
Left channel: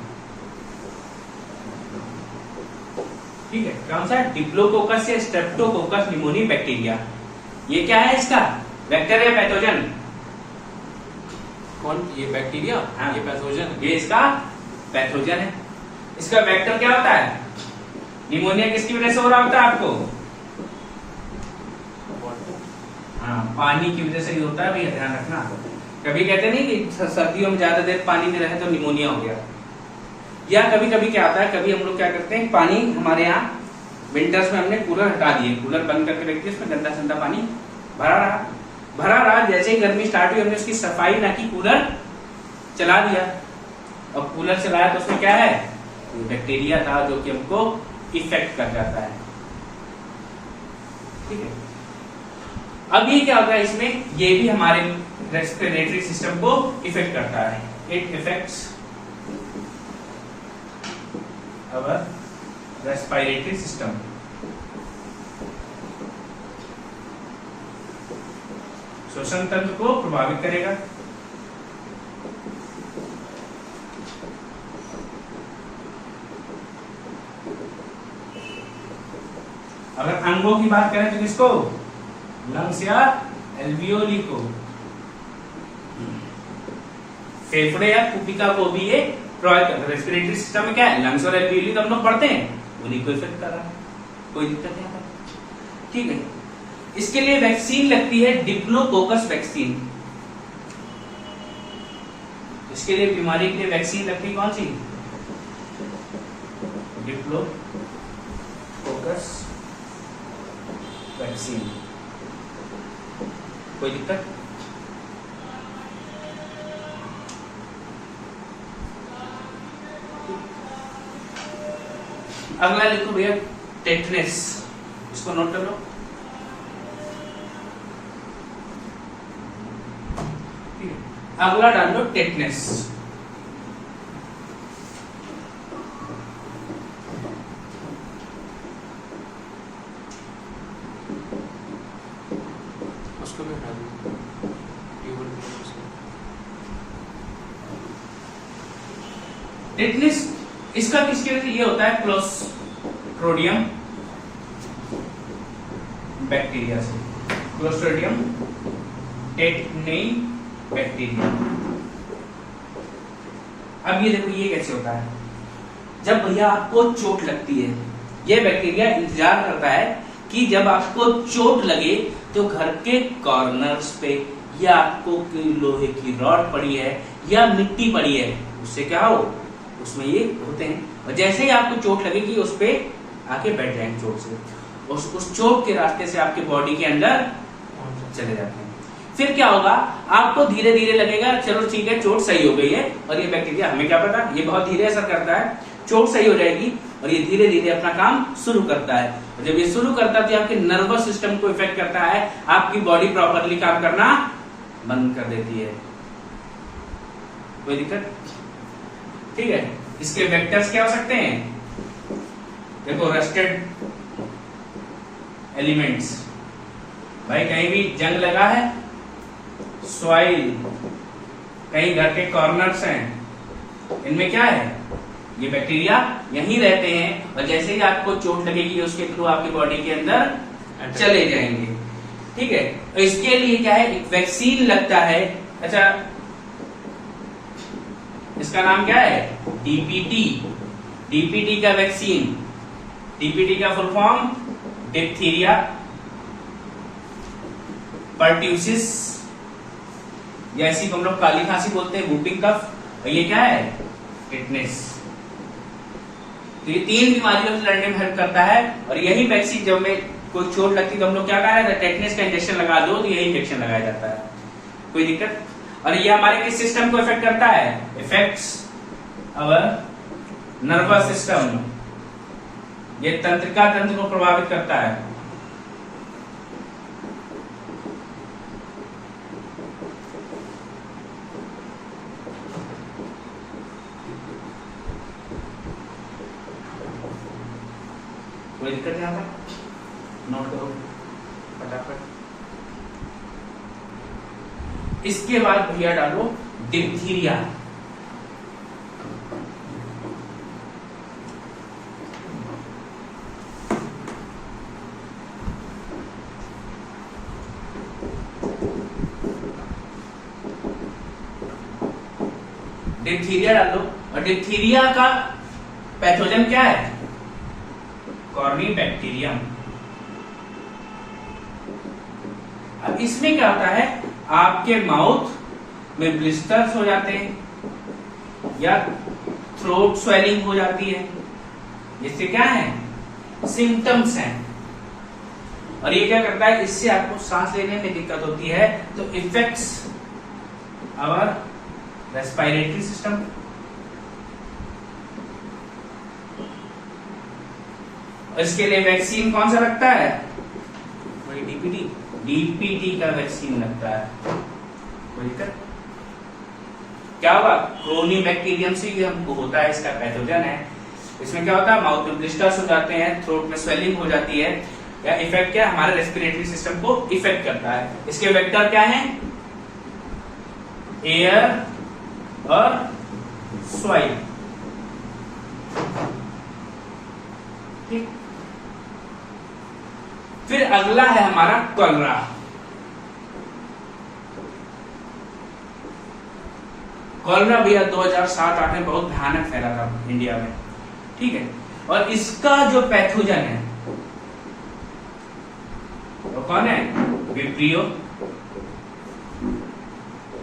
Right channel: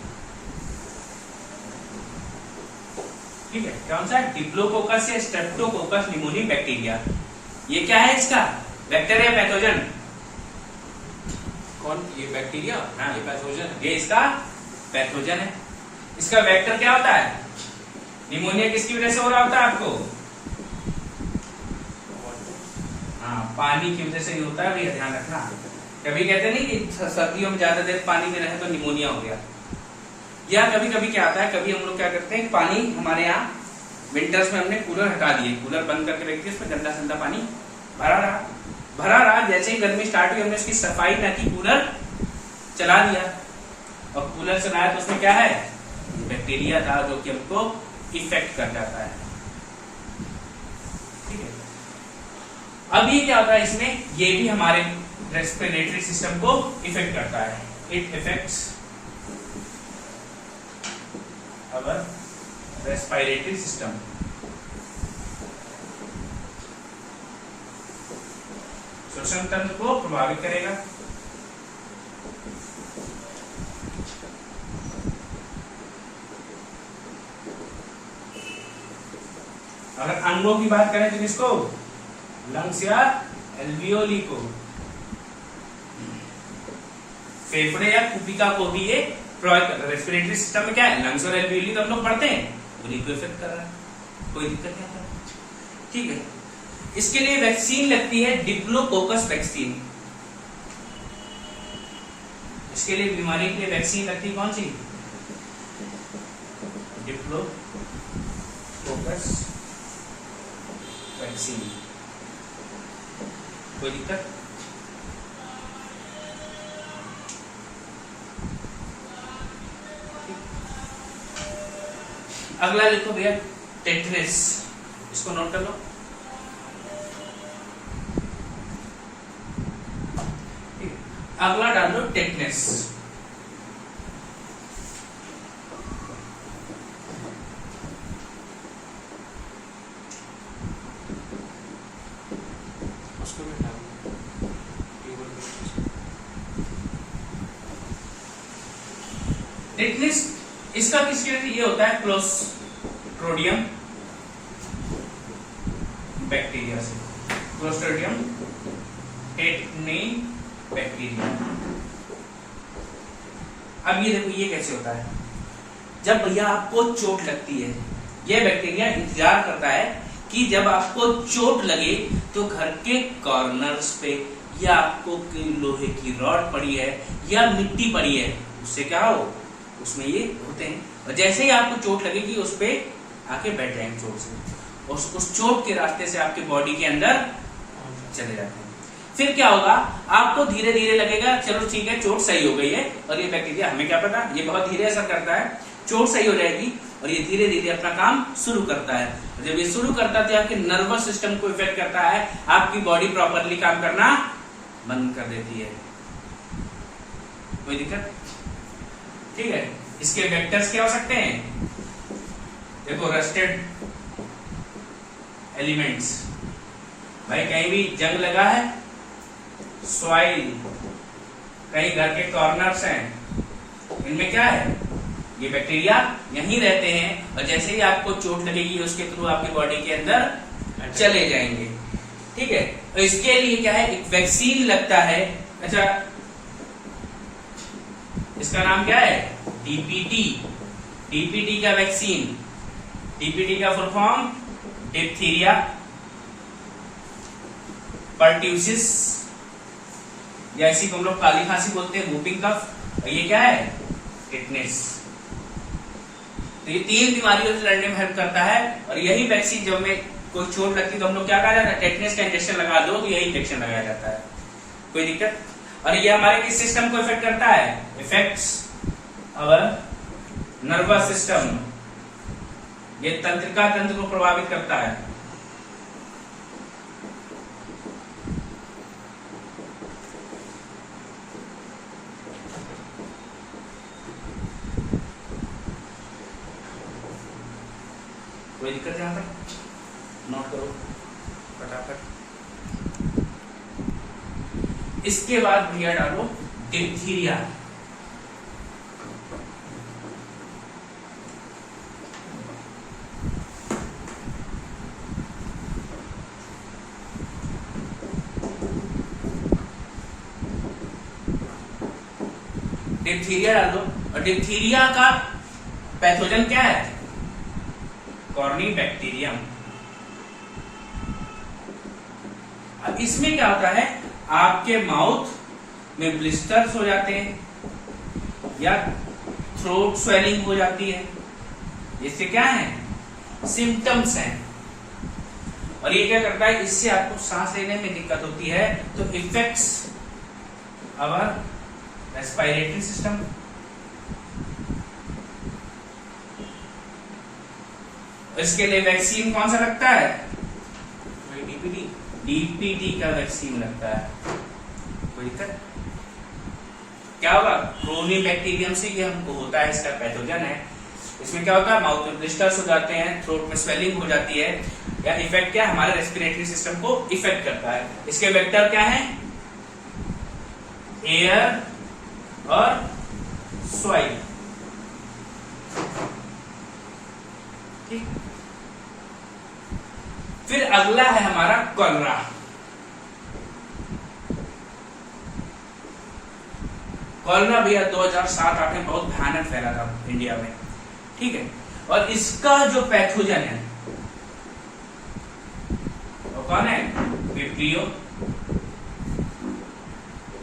ठीक है, कौन सा, डिप्लोकोकस या स्ट्रेप्टोकोकस न्यूमोनी बैक्टीरिया। ये क्या है इसका, वेक्टर या पैथोजन? कौन, ये बैक्टीरिया? हाँ। ये पैथोजन है। ये इसका पैथोजन है। इसका वेक्टर क्या होता है? निमोनिया किसकी वजह से हो रहा होता है आपको? हाँ, पानी की वजह से ही होता है भैया, ध्यान रखना। कभी कहते नहीं कि सर्दियों में ज्यादा देर पानी में रहे तो निमोनिया हो गया, या कभी कभी क्या होता है, कभी हम लोग क्या करते हैं, पानी हमारे यहाँ विंटर्स में हमने कूलर हटा दिए, कूलर बंद करके रख दिया, उसमें गंदा संदा पानी भरा रहा, जैसे ही गर्मी स्टार्ट हुई हमने उसकी सफाई ना की, कूलर चला दिया, और कूलर चलाया तो उसमें क्या है, बैक्टीरिया था जो कि हमको इफेक्ट कर जाता है, ठीक है। अब ये क्या होता है इसमें, ये भी हमारे रेस्पिरेटरी सिस्टम को इफेक्ट करता है, it effects our respiratory system. श्वसन तंत्र को प्रभावित करेगा। अगर अंगों की बात करें तो किसको, लंग्स या एल्वियोली को, फेफड़े या कुपिका को भी ये प्रभावित करता है। रेस्पिरेटरी सिस्टम में क्या है, लंग्स और एल्वियोली तो हम लोग पढ़ते हैं, उन्हीं को इफेक्ट कर रहा है, कोई दिक्कत नहीं आता, ठीक है। इसके लिए वैक्सीन लगती है, डिप्लोकोकस वैक्सीन। इसके लिए बीमारी के लिए वैक्सीन लगती है कौन सी, डिप्लोकोकस वैक्सीन। कोई दिक्कत? अगला लिखो भैया, टेटनस, इसको नोट कर लो। अगला डाल दो टेटनस। उसको भी हटा दीजिए। टेटनस इसका किसकी वजह से ये होता है, क्लोस्ट्रिडियम बैक्टीरिया से, क्लोस्ट्रिडियम टेटनी बैक्टीरिया। अब ये देखो ये कैसे होता है, जब भैया आपको चोट लगती है, ये बैक्टीरिया इंतजार करता है कि जब आपको चोट लगे तो घर के कॉर्नर्स पे या आपको लोहे की रॉड पड़ी है या मिट्टी पड़ी है, उससे क्या हो, उसमें ये होते हैं, और जैसे ही आपको चोट लगेगी उस पे आके बैठ जाएंगे चोट से, उस चोट के रास्ते से आपके बॉडी के अंदर चले जाते हैं। फिर क्या होगा, आपको धीरे धीरे लगेगा चलो ठीक है चोट सही हो गई है, और ये बैक्टीरिया, हमें क्या पता, ये बहुत धीरे असर करता है, चोट सही हो जाएगी और ये धीरे धीरे अपना काम शुरू करता है, और जब ये शुरू करता है तो आपके नर्वस सिस्टम को इफेक्ट करता है, आपकी बॉडी प्रॉपरली काम करना बंद कर देती है। कोई दिक्कत? ठीक है। इसके वेक्टर्स क्या हो सकते हैं, देखो, रस्टेड एलिमेंट्स, भाई कहीं भी जंग लगा है, सॉइल, कहीं घर के कॉर्नर्स हैं, इनमें क्या है, ये बैक्टीरिया यहीं रहते हैं, और जैसे ही आपको चोट लगेगी उसके थ्रू आपकी बॉडी के अंदर चले जाएंगे, ठीक है। तो इसके लिए क्या है, एक वैक्सीन लगता है। अच्छा, इसका नाम क्या है, डीपीटी, डीपीटी का वैक्सीन, डीपीटी का फुल फॉर्म डिप्थीरिया पर्ट्यूसिस, या इसी को हम लोग काली खांसी बोलते हैं, वूपिंग कफ, और ये क्या है, टेटनस। तो ये 3 बीमारियों से लड़ने में हेल्प करता है, और यही वैक्सीन जब में कोई चोट लगती है तो हम लोग क्या कह रहे हैं, टेटनस का इंजेक्शन लगा दो, तो यही इंजेक्शन लगाया जाता है। कोई दिक्कत? और ये हमारे किस सिस्टम को इफेक्ट करता है, इफेक्ट्स अवर नर्वस सिस्टम, ये तंत्रिका तंत्र को प्रभावित करता है। कोई दिक्कत यहाँ तक? नोट करो फटाफट। इसके बाद भैया डालो डिप्थीरिया। डिप्थीरिया डाल दो। और डिप्थीरिया का पैथोजन क्या है? कॉर्निबैक्टीरियम। अब इसमें क्या होता है, आपके माउथ में ब्लिस्टर्स हो जाते हैं या थ्रोट स्वेलिंग हो जाती है। इससे क्या है? सिम्टम्स हैं। और ये क्या करता है, इससे आपको सांस लेने में दिक्कत होती है, तो इफेक्ट्स आवर रेस्पिरेटरी सिस्टम। इसके लिए वैक्सीन कौन सा लगता है? वही डीपीटी। डीपीटी का वैक्सीन लगता है। कोई दिक्कत? क्या होगा? क्रोनिबैक्टीरियम से ये हमको होता है, इसका पैथोजन है। इसमें क्या होता है, माउथ में ब्लिस्टर्स हो जाते हैं, थ्रोट में स्वेलिंग हो जाती है, या इफेक्ट क्या, हमारे रेस्पिरेटरी सिस्टम को इफेक्ट करता है। इसके वेक्टर क्या है? एयर और सॉइल। ठीक। फिर अगला है हमारा कॉलरा। कॉलरा भैया 2007-08 में बहुत भयानक फैला था इंडिया में। ठीक है। और इसका जो पैथोजन है वो कौन है? Vibrio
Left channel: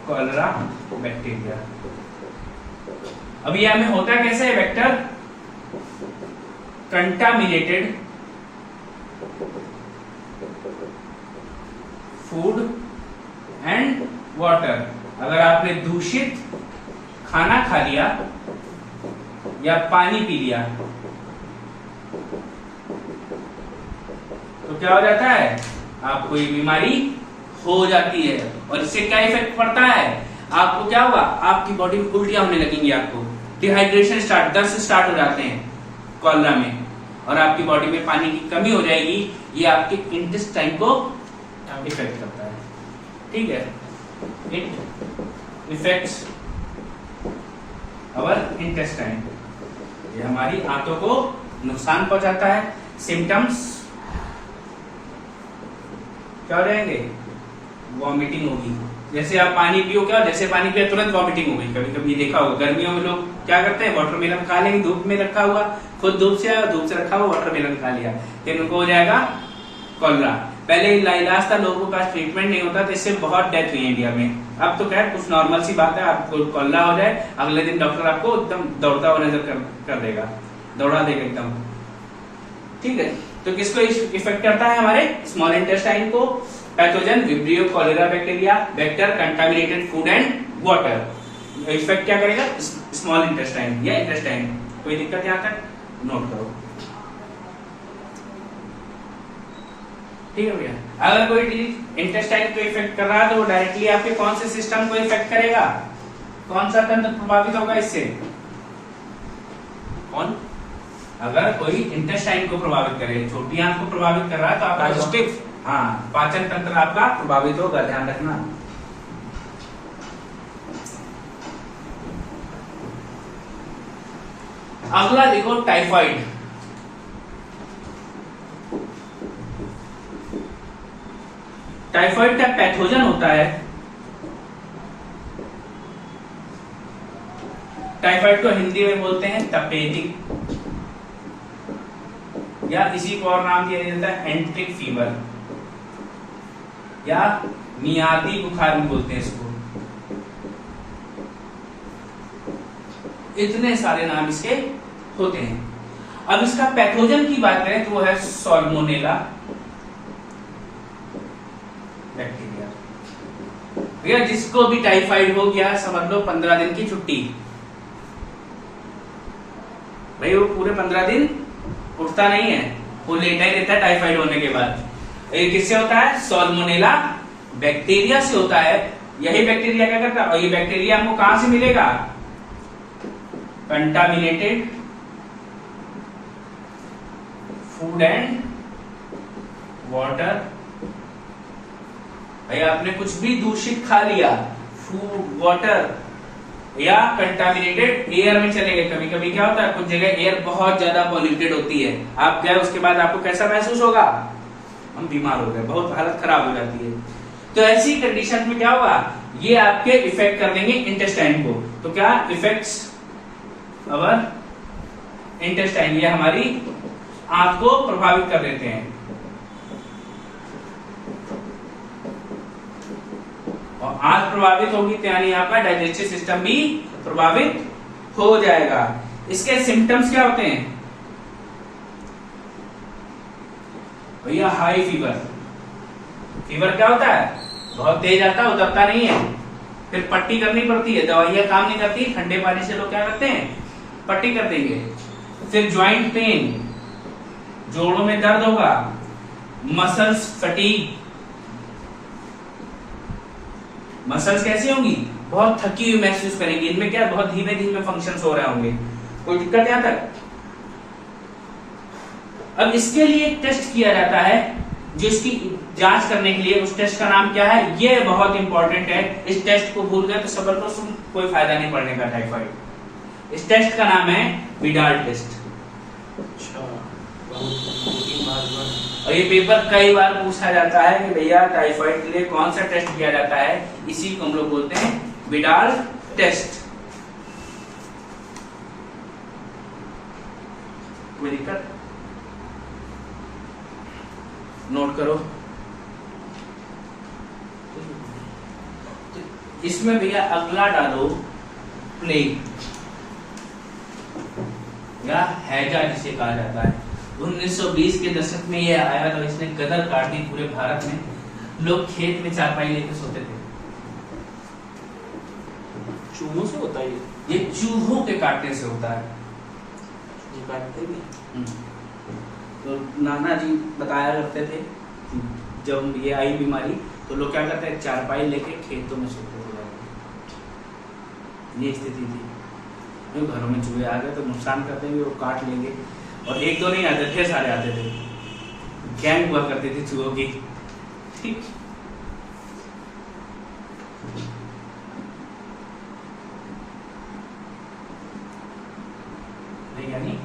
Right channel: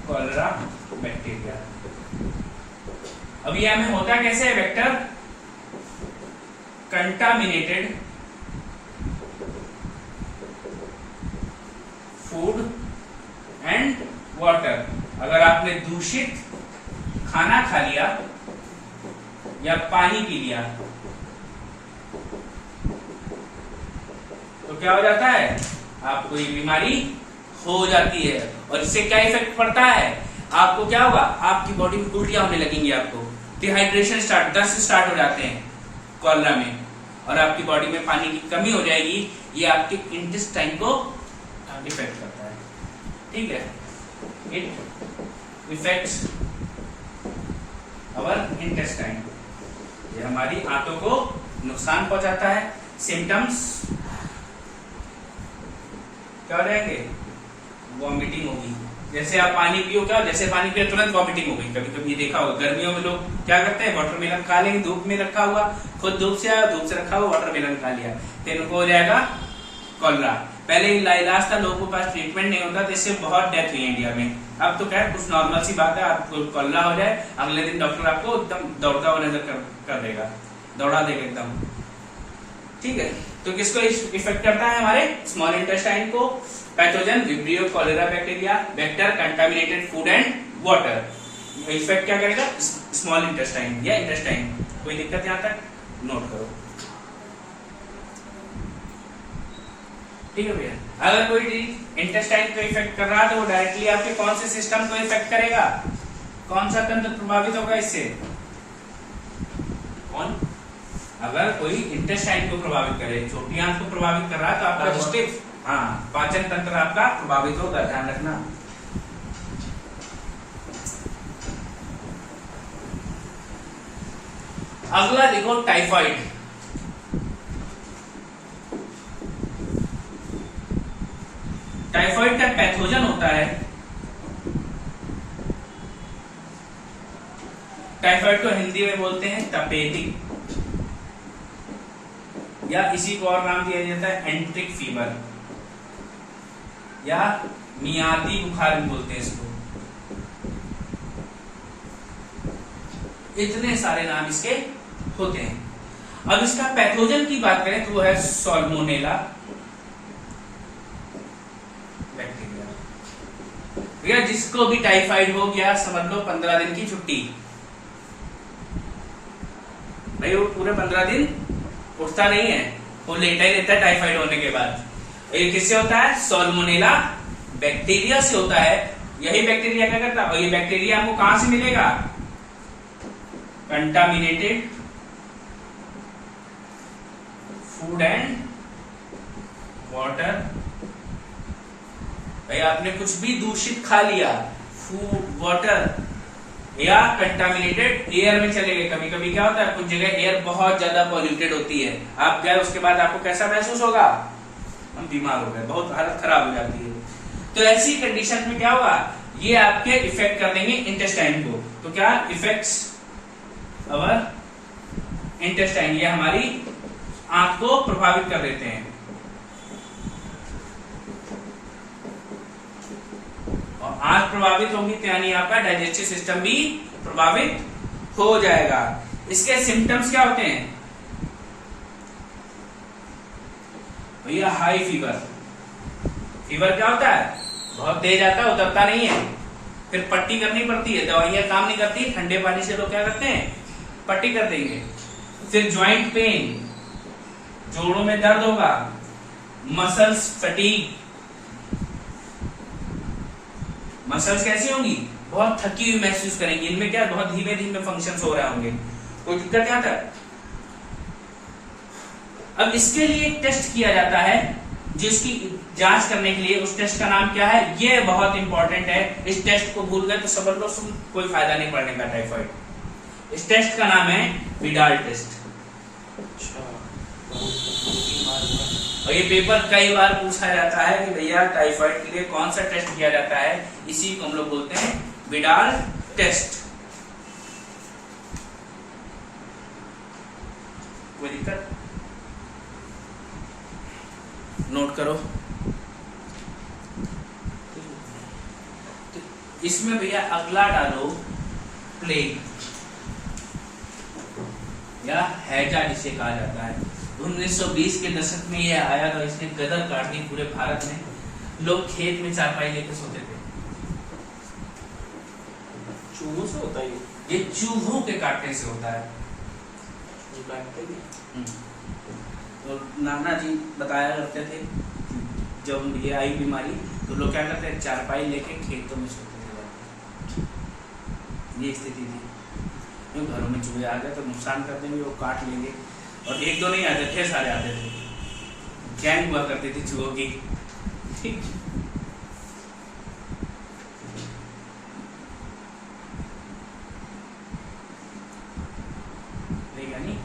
cholera bacteria. अब ये हमें होता कैसे है vector? Contaminated food and water. अगर आपने दूषित खाना खा लिया या पानी पी लिया तो क्या हो जाता है? आपको ये बीमारी हो जाती है। और इससे क्या इफेक्ट पड़ता है? आपको क्या होगा? आपकी बॉडी में उल्टियां होने लगेंगी, आपको डिहाइड्रेशन स्टार्ट, दस्त स्टार्ट हो जाते हैं कॉलरा में, और आपकी बॉडी में पानी की कमी हो जाएगी। ये आपके इंटेस्टाइन को इफेक्ट करता है। ठीक है। It effects our intestine. ये हमारी आंतों को नुकसान पहुंचाता है। सिम्टम्स क्या हो जाएंगे? वॉमिटिंग होगी। जैसे आप पानी पियो, क्या जैसे पानी पिया तुरंत वॉमिटिंग हो गई। कभी कभी ये देखा होगा, गर्मियों में लोग क्या करते हैं, वाटरमेलन खा लेंगे, धूप में रखा हुआ, खुद धूप से आया, धूप से रखा हुआ वाटरमेलन खा लिया, फिर उनको हो जाएगा कॉलरा। पहले इलाज था, लोगों के पास ट्रीटमेंट नहीं होता, तो इससे बहुत डेथ हुई इंडिया में। अब तो क्या है, कुछ नॉर्मल सी बात है, आपको कॉलरा हो जाए, अगले दिन डॉक्टर आपको एकदम दौड़ता हुआ नजर कर देगा, दौड़ा देगा एकदम। ठीक है। तो किसको इफेक्ट करता है? हमारे स्मॉल इंटेस्टाइन को। Pathogen vibrio cholera bacteria. Vector contaminated food and water. Effect क्या करेगा? स्मॉल इंटेस्टाइन या इंटेस्टाइन। कोई दिक्कत यहां तक? नोट करो। ठीक है भैया। अगर कोई डिजीज इंटेस्टाइन को इफेक्ट कर रहा है तो वो डायरेक्टली आपके कौन से सिस्टम को इफेक्ट करेगा? कौन सा तंत्र प्रभावित होगा इससे? कौन? अगर कोई इंटेस्टाइन को प्रभावित करे, छोटी आंत को प्रभावित कर रहा है तो आपका डाइजेस्टिव, हाँ, पाचन तंत्र आपका प्रभावित होगा, ध्यान रखना। अगला देखो टाइफाइड। टाइफाइड का पैथोजन होता है, टाइफाइड को हिंदी में बोलते हैं तपेदिक, या इसी को और नाम दिया जाता है एंट्रिक फीवर या मियादी बुखार भी बोलते हैं इसको। इतने सारे नाम इसके होते हैं। अब इसका पैथोजन की बात करें तो वो है सॉल्मोनेला बैक्टीरिया। भैया जिसको भी टाइफाइड हो गया समझ लो 15 दिन की छुट्टी। भाई वो पूरे 15 दिन उठता नहीं है, वो लेटा ही रहता है टाइफाइड होने के बाद। ये किससे होता है? सॉल्मोनेला बैक्टीरिया से होता है। यही बैक्टीरिया क्या करता है? और ये बैक्टीरिया हमको कहां से मिलेगा? कंटामिनेटेड फूड एंड वाटर, भाई आपने कुछ भी दूषित खा लिया, फूड, वाटर या कंटामिनेटेड एयर में चले गए। कभी कभी क्या होता है, कुछ जगह एयर बहुत ज्यादा पॉल्यूटेड होती है, आप गए उसके बाद आपको कैसा महसूस होगा, हम बीमार हो गए, बहुत हालत खराब हो जाती है। तो ऐसी कंडीशन में क्या होगा, ये आपके इफेक्ट कर देंगे इंटेस्टाइन को। तो क्या इफेक्ट्स अवर इंटेस्टाइन, ये हमारी आंत को प्रभावित कर देते हैं। और आंत प्रभावित होगी तो यानी आपका डाइजेस्टिव सिस्टम भी प्रभावित हो जाएगा। इसके सिम्टम्स क्या होते हैं भैया, हाई फीवर। फीवर क्या होता है, बहुत तेज आता है, उतरता नहीं है, फिर पट्टी करनी पड़ती है, दवाइयां काम नहीं करती, ठंडे पानी से लोग क्या करते हैं, पट्टी कर देंगे। फिर ज्वाइंट पेन, जोड़ों में दर्द होगा, मसल्स फटीग, मसल्स कैसी होंगी, बहुत थकी हुई महसूस करेंगी, इनमें क्या बहुत धीमे धीमे फंक्शंस हो रहे होंगे, कोई दिक्कत यहां तक। अब इसके लिए एक टेस्ट किया जाता है जिसकी जांच करने के लिए, उस टेस्ट का नाम क्या है, ये बहुत इंपॉर्टेंट है, इस टेस्ट को भूल गए तो सबर को कोई फायदा नहीं पड़ने का टाइफाइड। इस टेस्ट का नाम है विडाल टेस्ट। और ये पेपर कई बार पूछा जाता है कि भैया टाइफाइड के लिए कौन सा टेस्ट किया जाता है, इसी को हम लोग बोलते हैं विडाल टेस्ट। कोई दिक्कत, नोट करो। इसमें भैया अगला डालो प्लेग या हैजा जिसे कहा जाता है। 1920 के दशक में ये आया तो इसने गदर काट दी पूरे भारत में। लोग खेत में चारपाई लेकर सोते थे। चूहों से होता है ये चूहों के काटने से होता है। तो नाना जी बताया करते थे जब ये आई बीमारी तो लोग क्या करते हैं, चारपाई लेके खेतों में सोते थे जाके। ये स्थिति थी। जो घरों में चूहे आ गए तो नुकसान कर देंगे, वो काट लेंगे। और एक दो नहीं आते थे, सारे आते थे, गैंग हुआ करती थी चूहों की। ठीक, यानी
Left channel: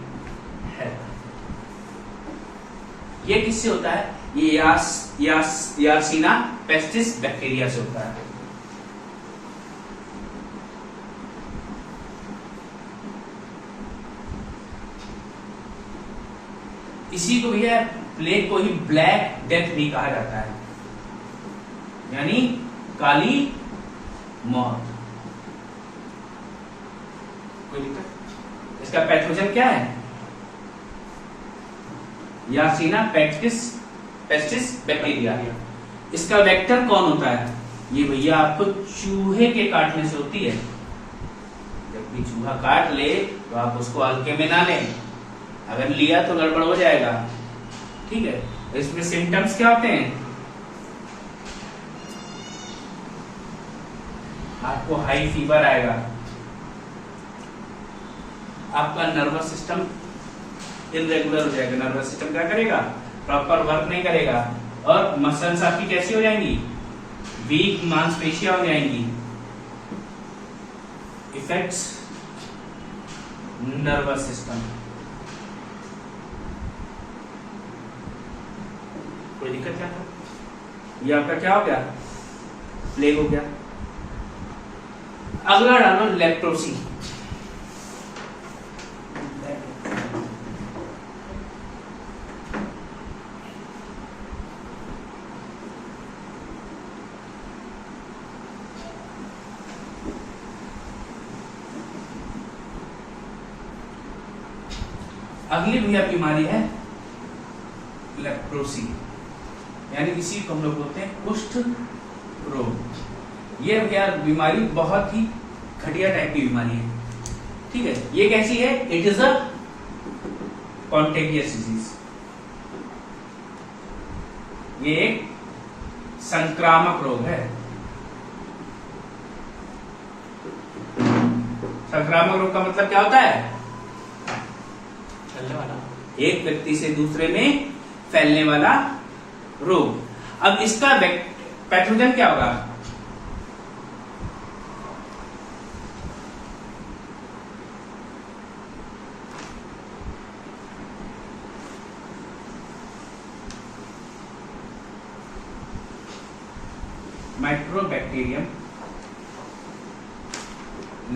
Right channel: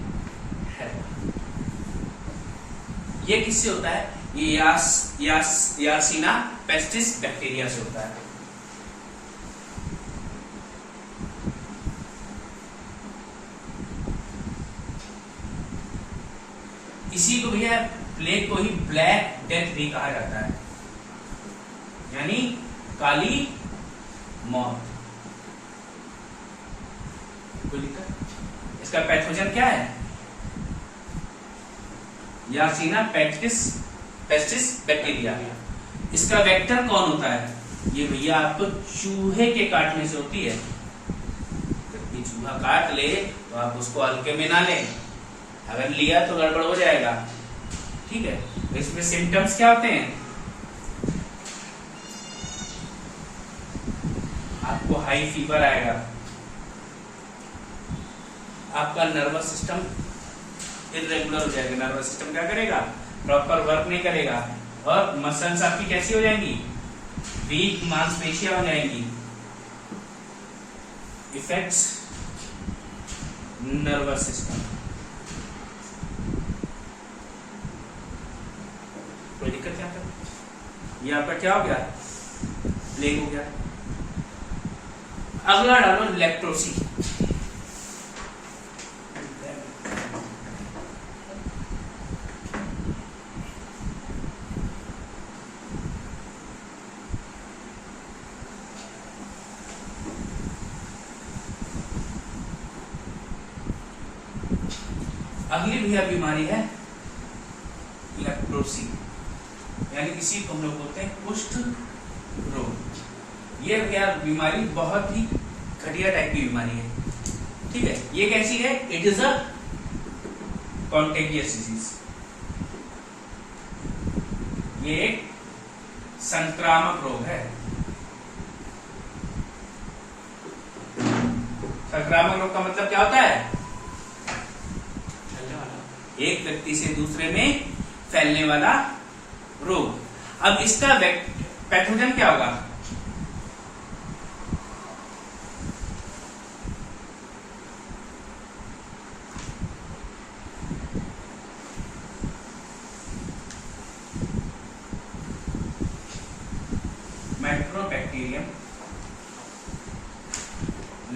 है। ये किससे होता है, ये यार्सीना पेस्टिस बैक्टीरिया से होता है। इसी को भैया प्लेग को ही ब्लैक डेथ भी कहा जाता है, यानी काली मौत। कोई दिक्कत? इसका पैथोजन क्या है, यार्सीना पेस्टिस बैक्टीरिया। इसका वेक्टर कौन होता है, ये भैया आपको चूहे के काटने से होती है। जब चूहा काट ले तो आप उसको हल्के में ना लें, अगर लिया तो गड़बड़ हो जाएगा। ठीक है, तो इसमें सिम्टम्स क्या होते हैं, आपको हाई फीवर आएगा, आपका नर्वस सिस्टम इरेगुलर हो जाएगा, नर्वस सिस्टम क्या करेगा, प्रॉपर वर्क नहीं करेगा, और मसल्स आपकी कैसी हो जाएंगी, वीक, मांसपेशियां हो जाएंगी। Effects nervous system. कोई दिक्कत क्या था, ये आपका क्या हो गया, प्लेग हो गया। अगला डालो लेप्रोसी। अगली भैया बीमारी है लेप्रोसी, यानी इसी को हम लोग बोलते हैं कुष्ठ रोग। ये क्या बीमारी बहुत ही घटिया टाइप की बीमारी है। ठीक है, ये कैसी है, इट इज अ कॉन्टेगियस डिजीज। ये एक संक्रामक रोग है। संक्रामक रोग का मतलब क्या होता है, एक व्यक्ति से दूसरे में फैलने वाला रोग। अब इसका पैथोजन क्या होगा? Mycobacterium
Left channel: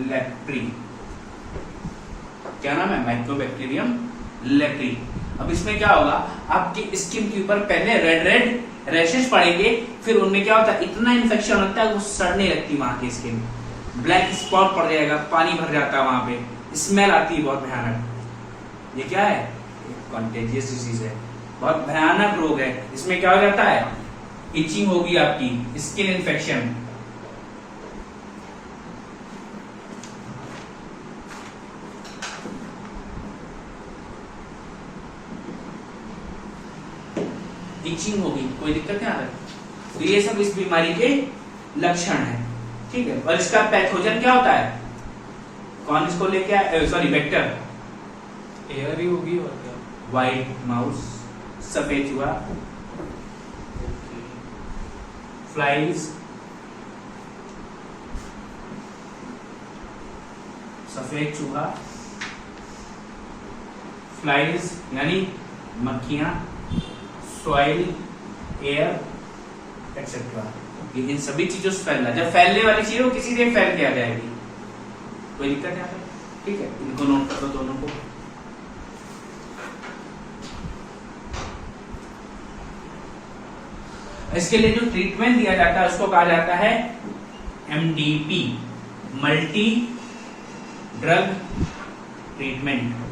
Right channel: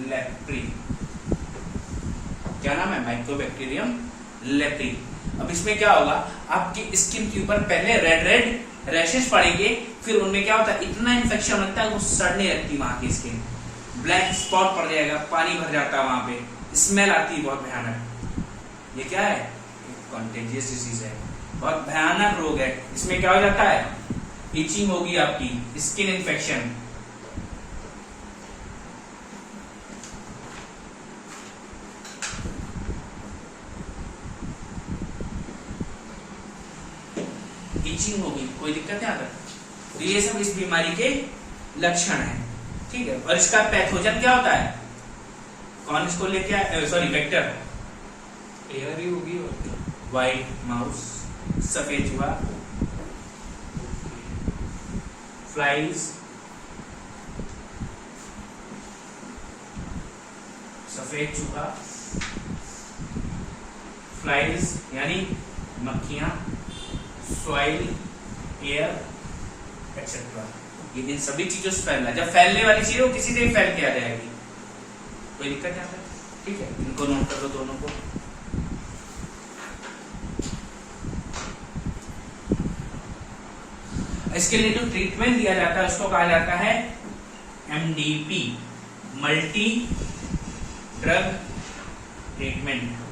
leprae. क्या नाम है? Mycobacterium leprae. अब इसमें क्या होगा, आपकी स्किन के ऊपर पहले रेड रेड रैशेस पड़ेंगे, फिर उनमें क्या होता है, इतना इन्फेक्शन होता है वो सड़ने लगती वहां की स्किन, ब्लैक स्पॉट पड़ जाएगा, पानी भर जाता है वहां पे, स्मेल आती है बहुत भयानक। ये क्या है? कॉन्टेजियस डिजीज है, बहुत भयानक रोग है। इसमें क्या हो जाता है, इचिंग होगी आपकी, स्किन इन्फेक्शन। इचिंग होगी, कोई दिक्कत नहीं आता। तो ये सब इस बीमारी के लक्षण है, ठीक है। और इसका पैथोजन क्या होता है? कौन इसको लेके आया? सॉरी, वेक्टर एयर ही होगी और क्या? व्हाइट माउस, सफेद चूहा, फ्लाइज, सफेद चूहा, फ्लाइज यानी मक्खियां, सॉइल, एयर एक्सेट्रा, ये इन सभी चीजों से फैलना। जब फैलने वाली चीज हो किसी से फैल दिया जाएगी, कोई दिक्कत नहीं आता, ठीक है। इनको नोट कर दो दोनों को। इसके लिए जो ट्रीटमेंट दिया जाता है उसको कहा जाता है MDP, मल्टी ड्रग ट्रीटमेंट।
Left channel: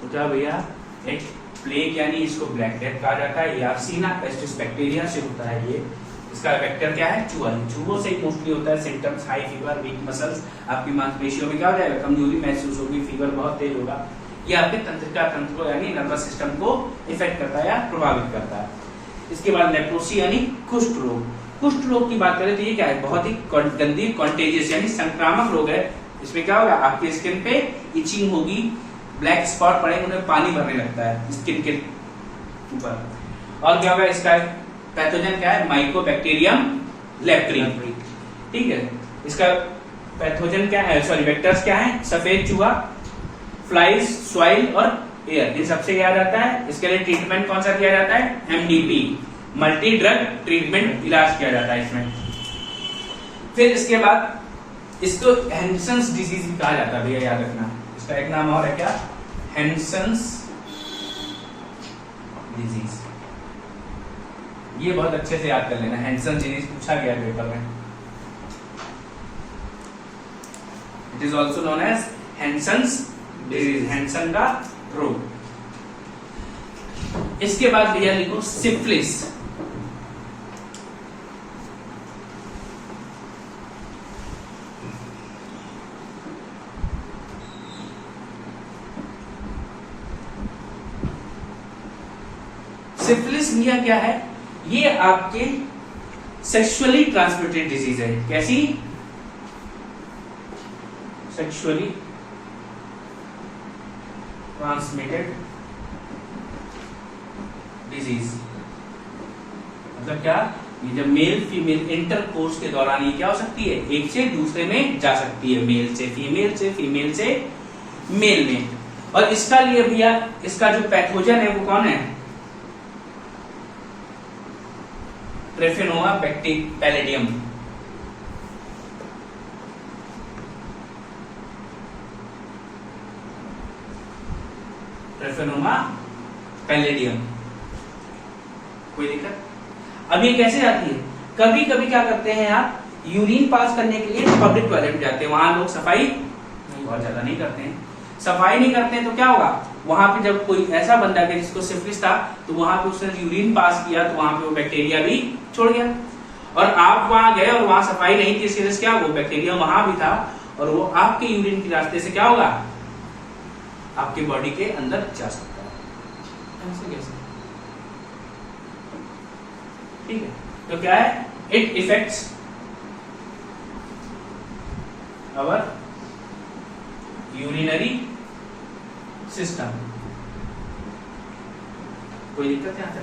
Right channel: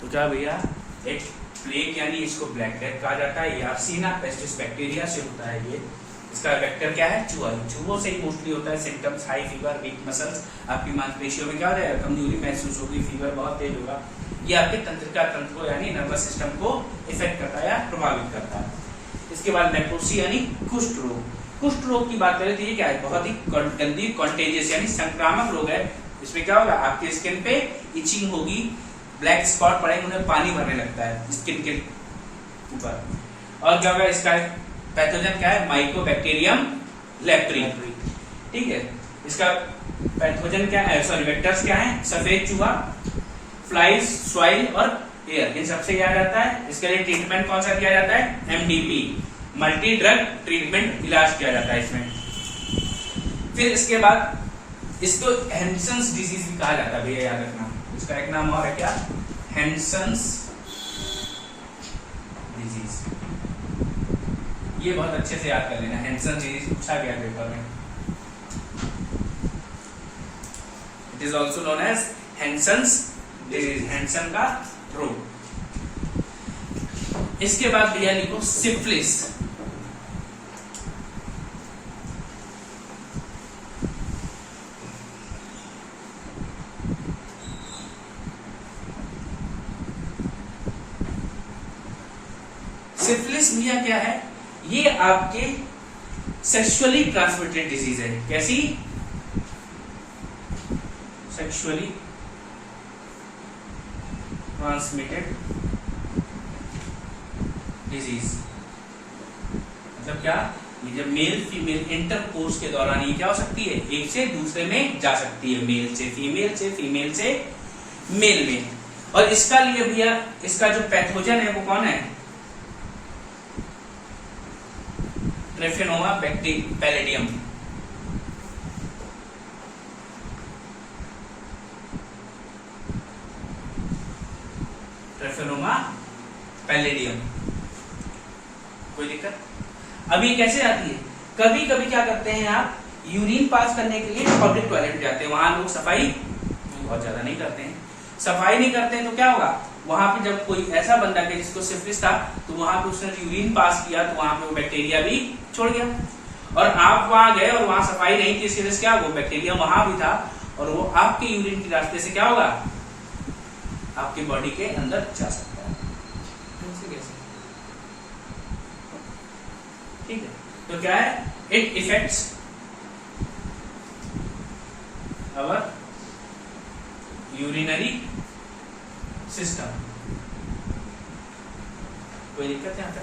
तो क्या भैया, एक प्लेग यानी इसको ब्लैक डेथ कहा जाता है, यार्सीना पेस्टिस बैक्टीरिया से होता है ये। इसका वेक्टर क्या है? चूहा। चूहों से ही मोस्टली होता है। Symptoms high fever, week muscles, आपकी मांसपेशियों में क्या हो जाएगा, कमजोरी महसूस होगी, फीवर बहुत तेज होगा। ये आपके तंत्रिका तंत्र को यानी नर्वस सिस्टम को इफेक्ट करता है या प्रभावित करता है। इसके बाद लेप्रोसी यानी कुष्ठ रोग। कुष्ठ रोग की बात करें तो ये क्या है, बहुत ही गंदी कॉन्टेजियस यानी संक्रामक रोग है। इसमें क्या होगा, आपकी स्किन पे इचिंग होगी, ब्लैक स्पॉट पड़ेंगे, उन्हें पानी भरने लगता है स्किन के ऊपर। और क्या होगा, इसका पैथोजन क्या है? माइकोबैक्टीरियम लेप्री, ठीक है। इसका पैथोजन क्या है, सॉरी वेक्टर्स क्या है? सफेद चूहा, फ्लाइज, सॉइल और एयर, इन सबसे किया जाता है। इसके लिए ट्रीटमेंट कौन सा किया जाता है? MDP, मल्टी ड्रग ट्रीटमेंट, इलाज किया जाता है इसमें। फिर इसके बाद इसको हैंसन्स डिजीज भी कहा जाता है, भैया याद रखना। इसका एक नाम और है क्या? Hansen's disease. ये बहुत अच्छे से याद कर लेना, हैंसन डिजीज पूछा गया पेपर में। It is also known as Hansen's disease, Hansen का रोग। इसके बाद भैया लिखो सिफिलिस। सिफिलिस भैया क्या है? ये आपके सेक्सुअली ट्रांसमिटेड डिजीज है। कैसी? Sexually transmitted disease. मतलब क्या? ये जब मेल फीमेल इंटरकोर्स के दौरान ये क्या हो सकती है, एक से दूसरे में जा सकती है, मेल से फीमेल से, फीमेल से मेल में। और इसका लिए भैया इसका जो पैथोजन है वो कौन है? ट्रेफेनोमा पैलेडियम। ट्रेफेनोमा पैलेडियम, कोई दिक्कत? अब ये कैसे आती है? कभी कभी क्या करते हैं आप, यूरिन पास करने के लिए पब्लिक टॉयलेट जाते हैं, वहां लोग सफाई बहुत ज्यादा नहीं करते हैं। सफाई नहीं करते हैं तो क्या होगा, वहां पे जब कोई ऐसा बंदा है जिसको सिफिलिस था तो वहां पे उसने यूरिन पास किया तो वहां पे वो बैक्टीरिया भी छोड़ गया। और आप वहां गए और वहां सफाई नहीं थी, इसलिए क्या, वो बैक्टीरिया वहां भी था और वो आपके यूरिन के रास्ते से क्या होगा, आपके बॉडी के अंदर जा सकता है। ऐसे कैसे? ठीक है। तो क्या है, it effects our urinary system. कोई दिक्कत यहाँ पे?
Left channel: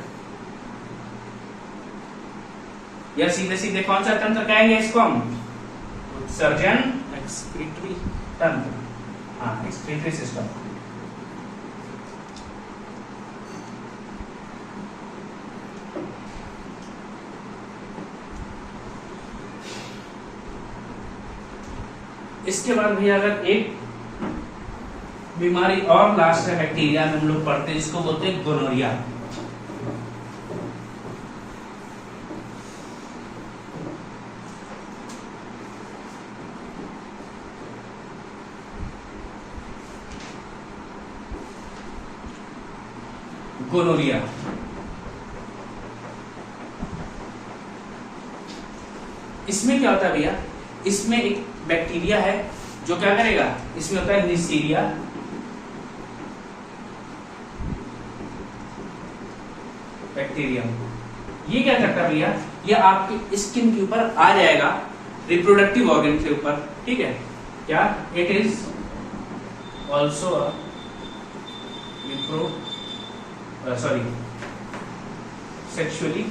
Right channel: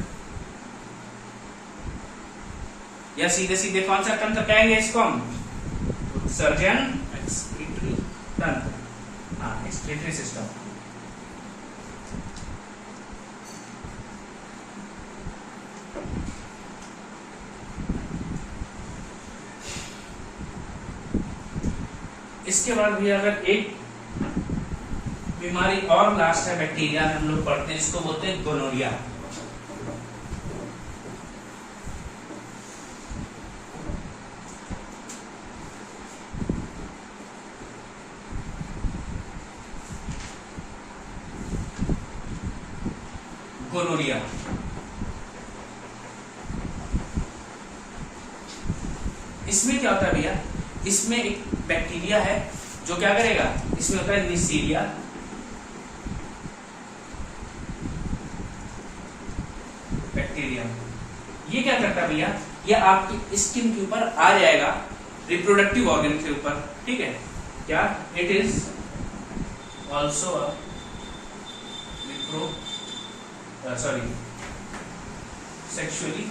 या सीधे सीधे कौन सा तंत्र कहेंगे इसको हम? सर्जन एक्सक्रीटरी तंत्र, हाँ एक्सक्रीटरी सिस्टम। इसके बाद भी अगर एक बीमारी और लास्ट है बैक्टीरिया में हम लोग पढ़ते हैं, जिसको बोलते हैं गोनोरिया। गोनोरिया इसमें क्या होता है भैया, इसमें एक बैक्टीरिया है जो क्या करेगा, इसमें होता है निसीरिया, बैक्टीरिया। ये क्या करता है भैया, ये आपके स्किन के ऊपर आ जाएगा, रिप्रोडक्टिव ऑर्गन के ऊपर, ठीक है क्या, it is also sexually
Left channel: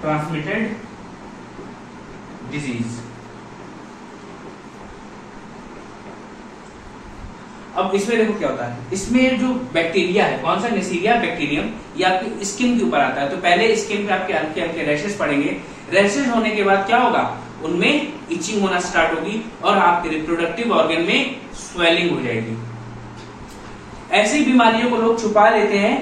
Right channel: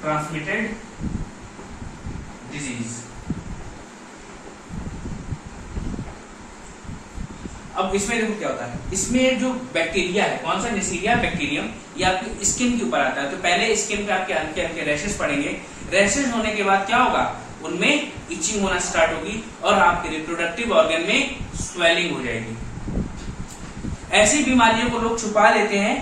transmitted disease. अब इसमें देखो क्या होता है, इसमें जो बैक्टीरिया है, कौन सा, नेसीरिया बैक्टीरियम, ये आपकी स्किन के ऊपर आता है। तो पहले स्किन पे आपके हल्के हल्के रैशेस पड़ेंगे, रैशेस होने के बाद क्या होगा, उनमें इचिंग होना स्टार्ट होगी और आपके रिप्रोडक्टिव ऑर्गन में स्वेलिंग हो जाएगी। ऐसी बीमारियों को लोग छुपा लेते हैं,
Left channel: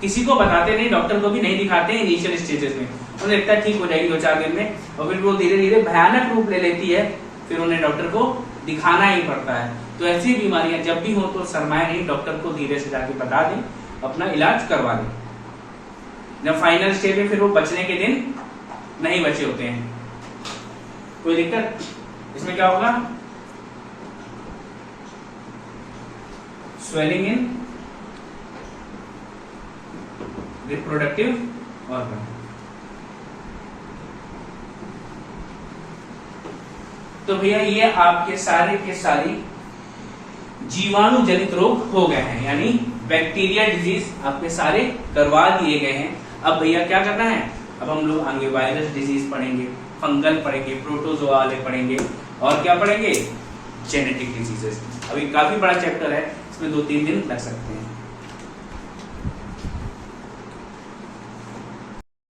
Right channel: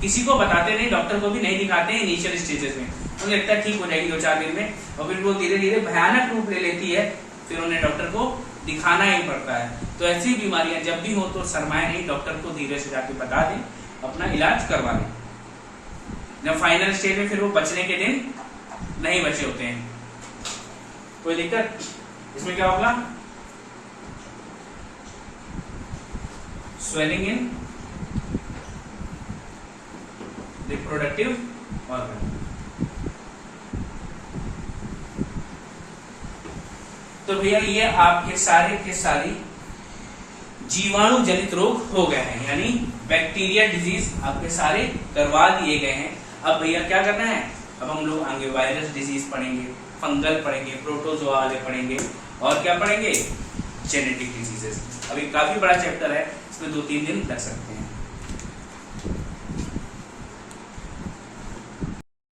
किसी को बताते नहीं, डॉक्टर को भी नहीं दिखाते हैं इनिशियल स्टेजेस में। उन्हें लगता है ठीक हो जाएगी 2-4 दिन में, और फिर वो धीरे धीरे भयानक रूप ले लेती है, फिर उन्हें डॉक्टर को दिखाना ही पड़ता है। तो ऐसी बीमारियां जब भी हो तो शर्माए नहीं, डॉक्टर को धीरे से जाके बता दें, अपना इलाज करवा लें। जब फाइनल स्टेज में फिर वो बचने के दिन नहीं बचे होते हैं। कोई दिक्कत इसमें? क्या होगा, स्वेलिंग इन रिप्रोडक्टिव ऑर्गन। तो भैया ये आपके सारे के सारी जीवाणु जनित रोग हो गए हैं, यानी बैक्टीरिया डिजीज आपके सारे करवा दिए गए हैं। अब भैया क्या करना है, अब हम लोग आगे वायरस डिजीज पढ़ेंगे, फंगल पढ़ेंगे, प्रोटोजोआ पढ़ेंगे, और क्या पढ़ेंगे, जेनेटिक डिजीजेस। अभी काफी बड़ा चैप्टर है, इसमें 2-3 दिन लग सकते हैं।